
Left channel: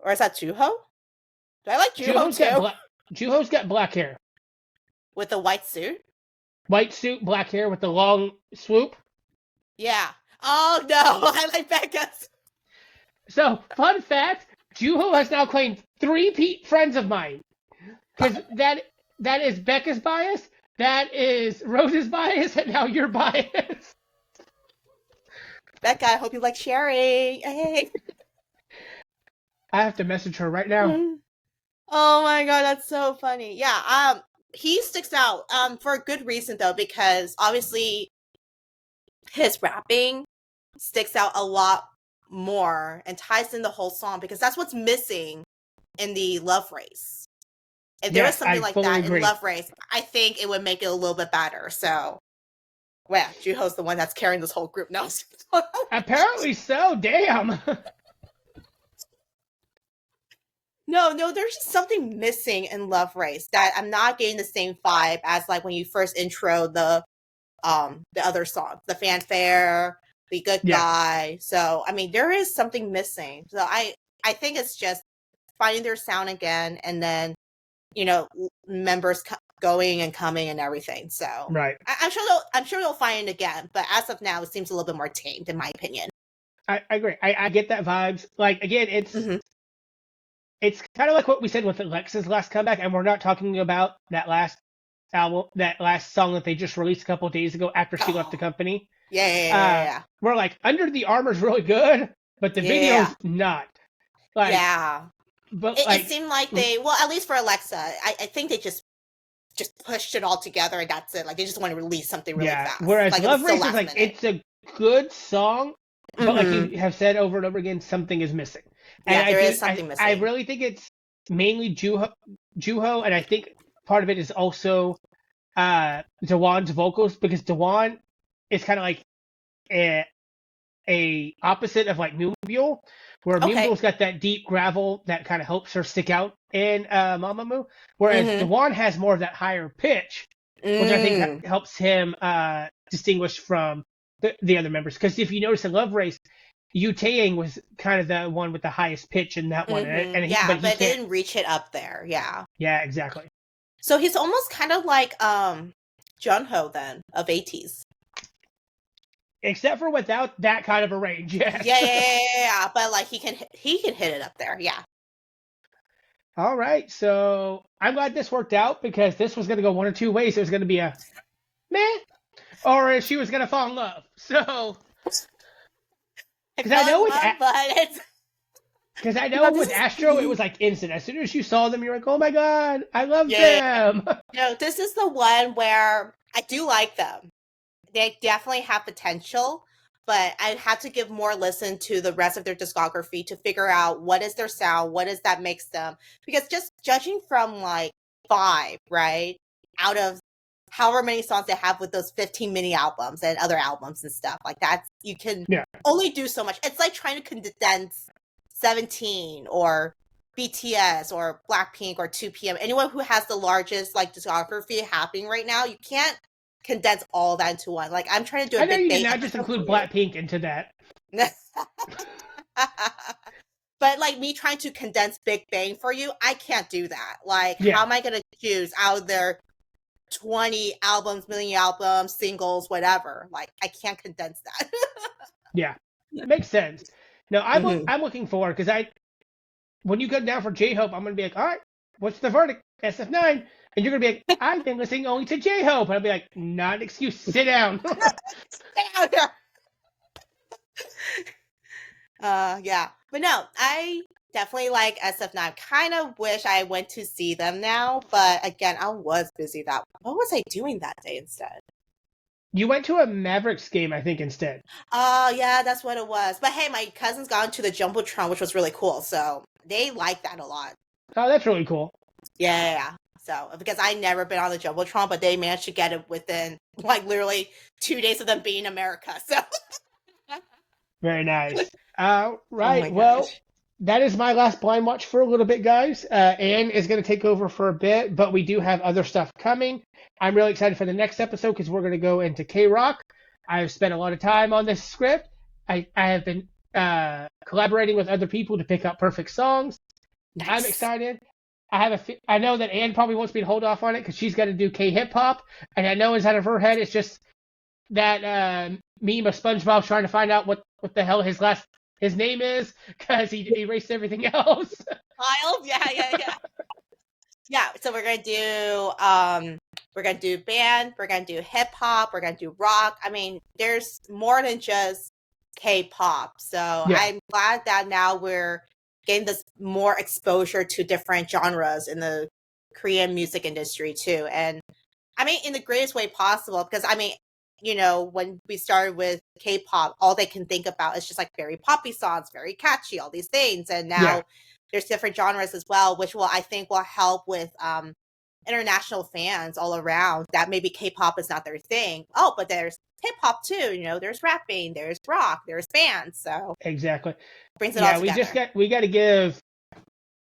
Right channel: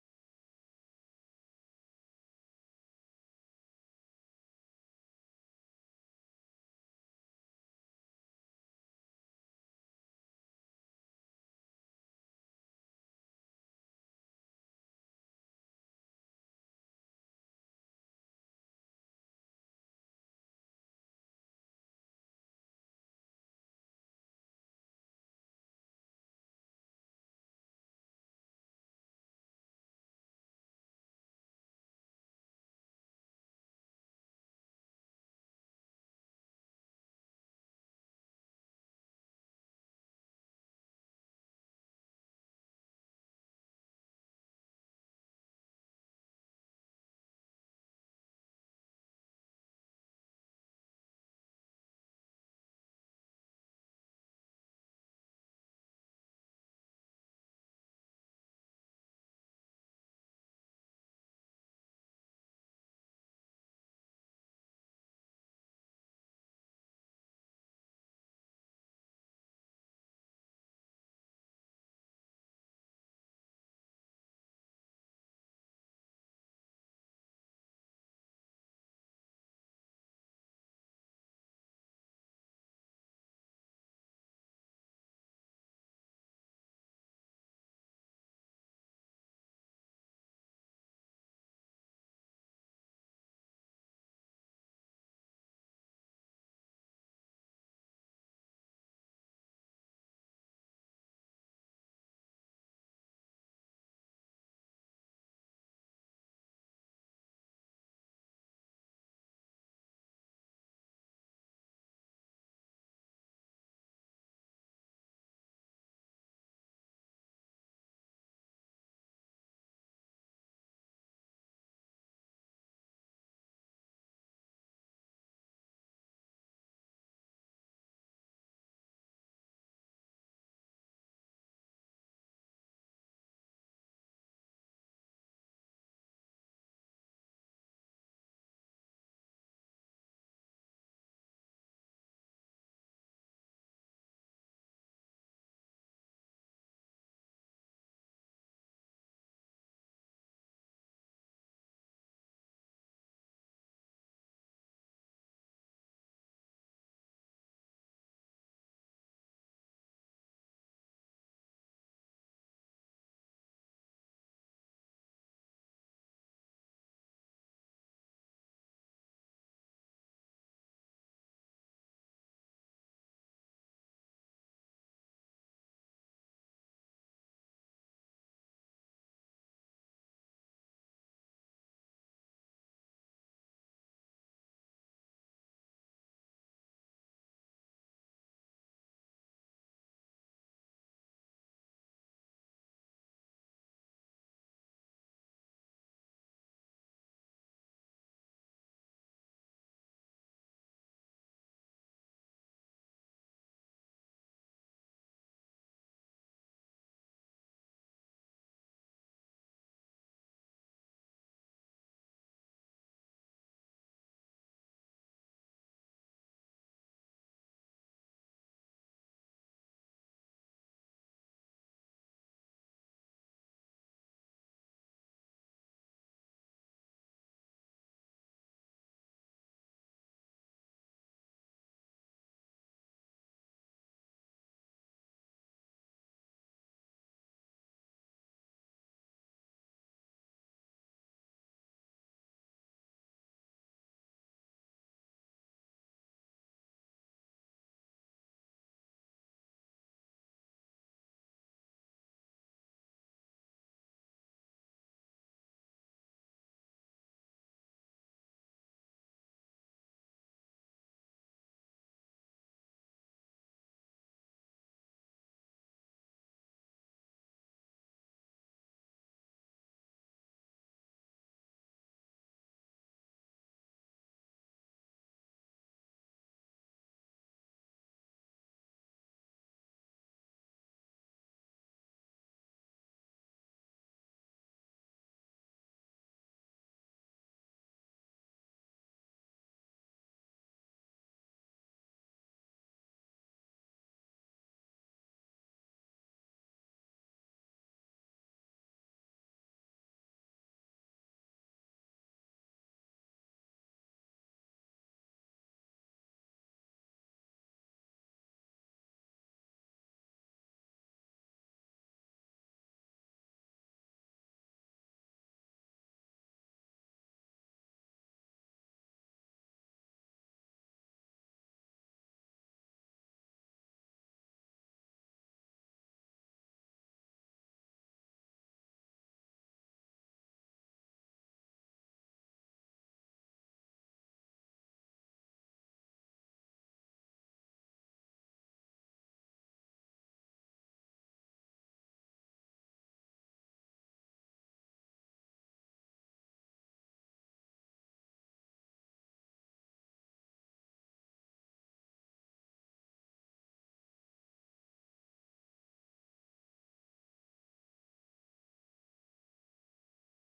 Or is that Juho? Do I like Juho too? Juho's got black hair. With a white suit? White suit, black hair with the long swoop. Yeah. Oh, no. I like Becca's. So, fun fact, Juho has now claimed 3 friends of mine. Because that is Becca's bias, that is Rose's bias, and now your bias. Becca, I hope you like sharing. Hey. I have to message her right now. Oh my god, that's so funny. Yeah, he sticks out for a good reason though, because obviously his rapping sticks out a lot more and ties in the whole song, because that's what's missing in the Love Race. If there was something like that in Love Race, I think it would make it a little bit better. So, well, Juho's the one that's carrying this whole group now. Apparently so. Damn. No, there's just something missing in Love Race that I'm not getting the same vibe as like when you first intro the other songs, the Fanfare, the Good Guy. So I mean, there is something missing. So I think it's just finding their sound again, and then members going and coming and everything. So right, I'm sure they'll find it again. But as of now, it seems a little bit more tamed, in my opinion. I agree. I get that vibes. Like again, it's kind of like what we said with Alexa's last comeback, and we're not talking about that last album, that last song that they just released a couple of days ago after she left the company. Yeah. We're like, Under the Armor's really good, but the video's not. Like, but it seemed like they, well, at least for Alexa, I think they just pushed it all together and that's it. Like they just want to release something really fast. Whereas like, Love Race is like, it's a good song, but like you have said over and over again, something is missing. And there is something missing. I really think it's mainly Juho, and I think part of it is also Dewan's vocals, because Dewan is kind of like a opposite of like Mumble, where Mumble's got that deep gravel that kind of helps her stick out in Mamamoo, whereas Dewan has more of that higher pitch, which I think helps him distinguish from the other members. Because if you notice in Love Race, Yu Taeyang was kind of the one with the highest pitch in that one, Yeah, but he but it can't. didn't reach it up there. Yeah. Yeah, exactly. So he's almost kind of like Junho then of 80s. Except for without that kind of a range, yes. Yeah. But like he can hit it up there. Yeah. All right, so I'm glad this worked out because this was going to go one or two ways. It was going to be a meh, or she was going to fall in love. So, I because I fell know in with love, but it's because I know with Astro it was like instant. As soon as you saw them, you're like, oh my god, I love them. No, this is the one where I do like them. They definitely have potential, but I'd have to give more listen to the rest of their discography to figure out what is their sound, what is that makes them. Because just judging from like 5, right, out of however many songs they have with those 15 mini albums and other albums and stuff, like that's, you can only do so much. It's like trying to condense 17 or BTS or Blackpink or 2PM. Anyone who has the largest like discography happening right now, you can't condense all that into one. Like I'm trying to do a I know Big you Bang can now just episode include for Blackpink into that. But like me trying to condense Big Bang for you, I can't do that. Like, how am I gonna choose out of their 20 albums, million albums, singles, whatever? Like, I can't condense that. Yeah, makes sense. No, I'm looking forward because when you go down for J-Hope, I'm gonna be like, all right, what's the verdict? SF9, and you're gonna be like, I've been listening only to J-Hope, and I'll be like, not an excuse, sit down. Sit down. Yeah, but no, I definitely like SF9. Kind of wish I went to see them now, but again, I was busy that. What was I doing that day instead? You went to a Mavericks game, I think, instead. Oh, yeah, that's what it was. But hey, my cousin's gone to the Jumbotron, which was really cool. So they like that a lot. Oh, that's really cool. Yeah. So, because I never been on the Jumbotron, but they managed to get it within like literally 2 days of them being in America. So very nice. Right. Oh well, that is my last blind watch for a little bit, guys. Anne is going to take over for a bit, but we do have other stuff coming. I'm really excited for the next episode because we're going to go into K-Rock. I've spent a lot of time on this script. I have been collaborating with other people to pick out perfect songs. Nice. I'm excited. I know that Anne probably wants me to hold off on it because she's got to do K-hip-hop, and I know inside of her head it's just that meme of SpongeBob trying to find out what the hell his name is because he erased everything else. Miles, yeah. Yeah, so we're gonna do band, we're gonna do hip hop, we're gonna do rock. I mean, there's more than just K-pop. So I'm glad that now we're getting this more exposure to different genres in the Korean music industry too. And I mean, in the greatest way possible, because I mean, you know, when we started with K-pop, all they can think about is just like very poppy songs, very catchy, all these things. And now there's different genres as well, which I think will help with international fans all around that maybe K-pop is not their thing. Oh, but there's hip-hop too, you know, there's rapping, there's rock, there's bands. So exactly. Brings it all together. We got to give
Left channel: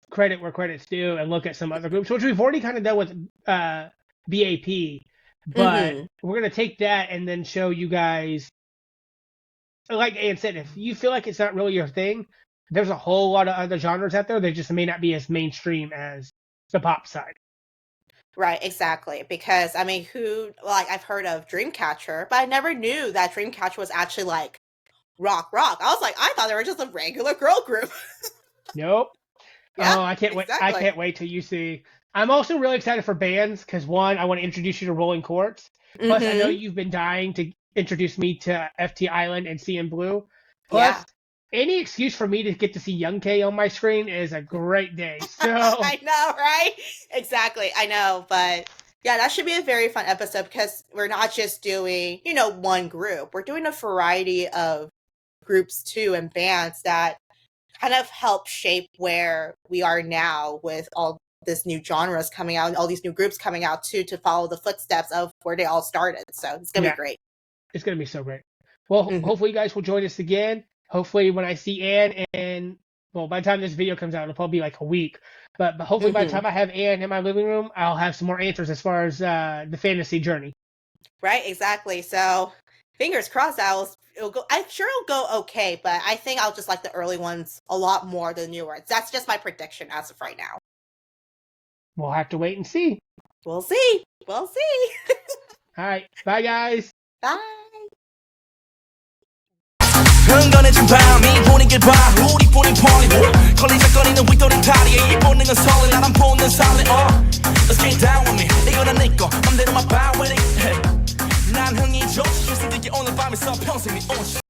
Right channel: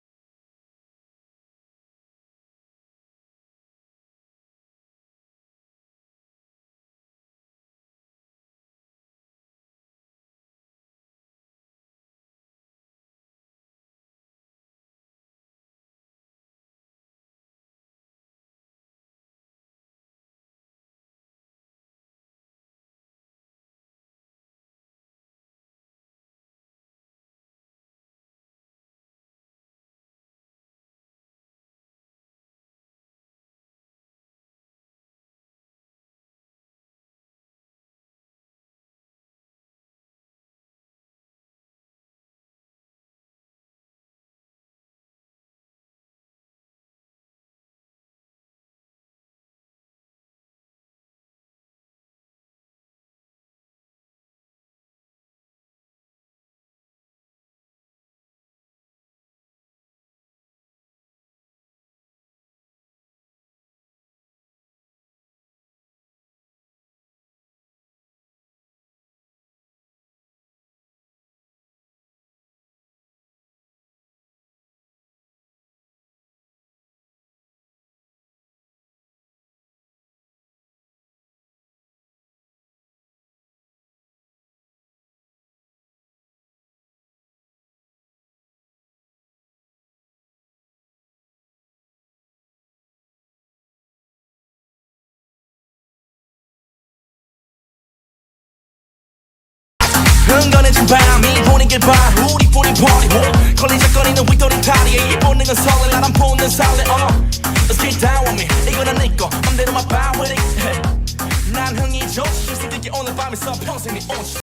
credit where credit's due and look at some other groups, which we've already kind of done with BAP. But we're going to take that and then show you guys, like Ann said, if you feel like it's not really your thing, there's a whole lot of other genres out there. They just may not be as mainstream as the pop side. Right, exactly. Because, I mean, I've heard of Dreamcatcher, but I never knew that Dreamcatcher was actually like rock. I was like, I thought they were just a regular girl group. Nope. Yeah, I can't wait. I can't wait till you see. I'm also really excited for bands because one, I want to introduce you to Rolling Quartz. Plus, I know you've been dying to introduce me to FT Island and CN Blue. Plus, any excuse for me to get to see Young K on my screen is a great day. So I know, right? Exactly. I know, but yeah, that should be a very fun episode because we're not just doing, you know, one group. We're doing a variety of groups too and bands that kind of help shape where we are now with all this new genres coming out and all these new groups coming out too to follow the footsteps of where they all started. So it's gonna be great. It's gonna be so great. Well, hopefully you guys will join us again. Hopefully when I see Anne and well, by the time this video comes out, it'll probably be like a week. But hopefully by the time I have Anne in my living room, I'll have some more answers as far as the fantasy journey. Right, exactly. So fingers crossed it'll go. I'm sure it'll go okay, but I think I'll just like the early ones a lot more than the new ones. That's just my prediction as of right now. We'll have to wait and see. We'll see. We'll see. All right. Bye, guys. Bye. 흥건해진 밤이 분위기를 봐 우리 뿌린 party 걸리적거리는 윗도린 다리에 이 본능은 설레 나란 본능 살래 Let's get down with me 이거는 네거 맘대로만 봐 with it 난 흥이 좋지 실수들게 오늘 밤에서 평생 네 오지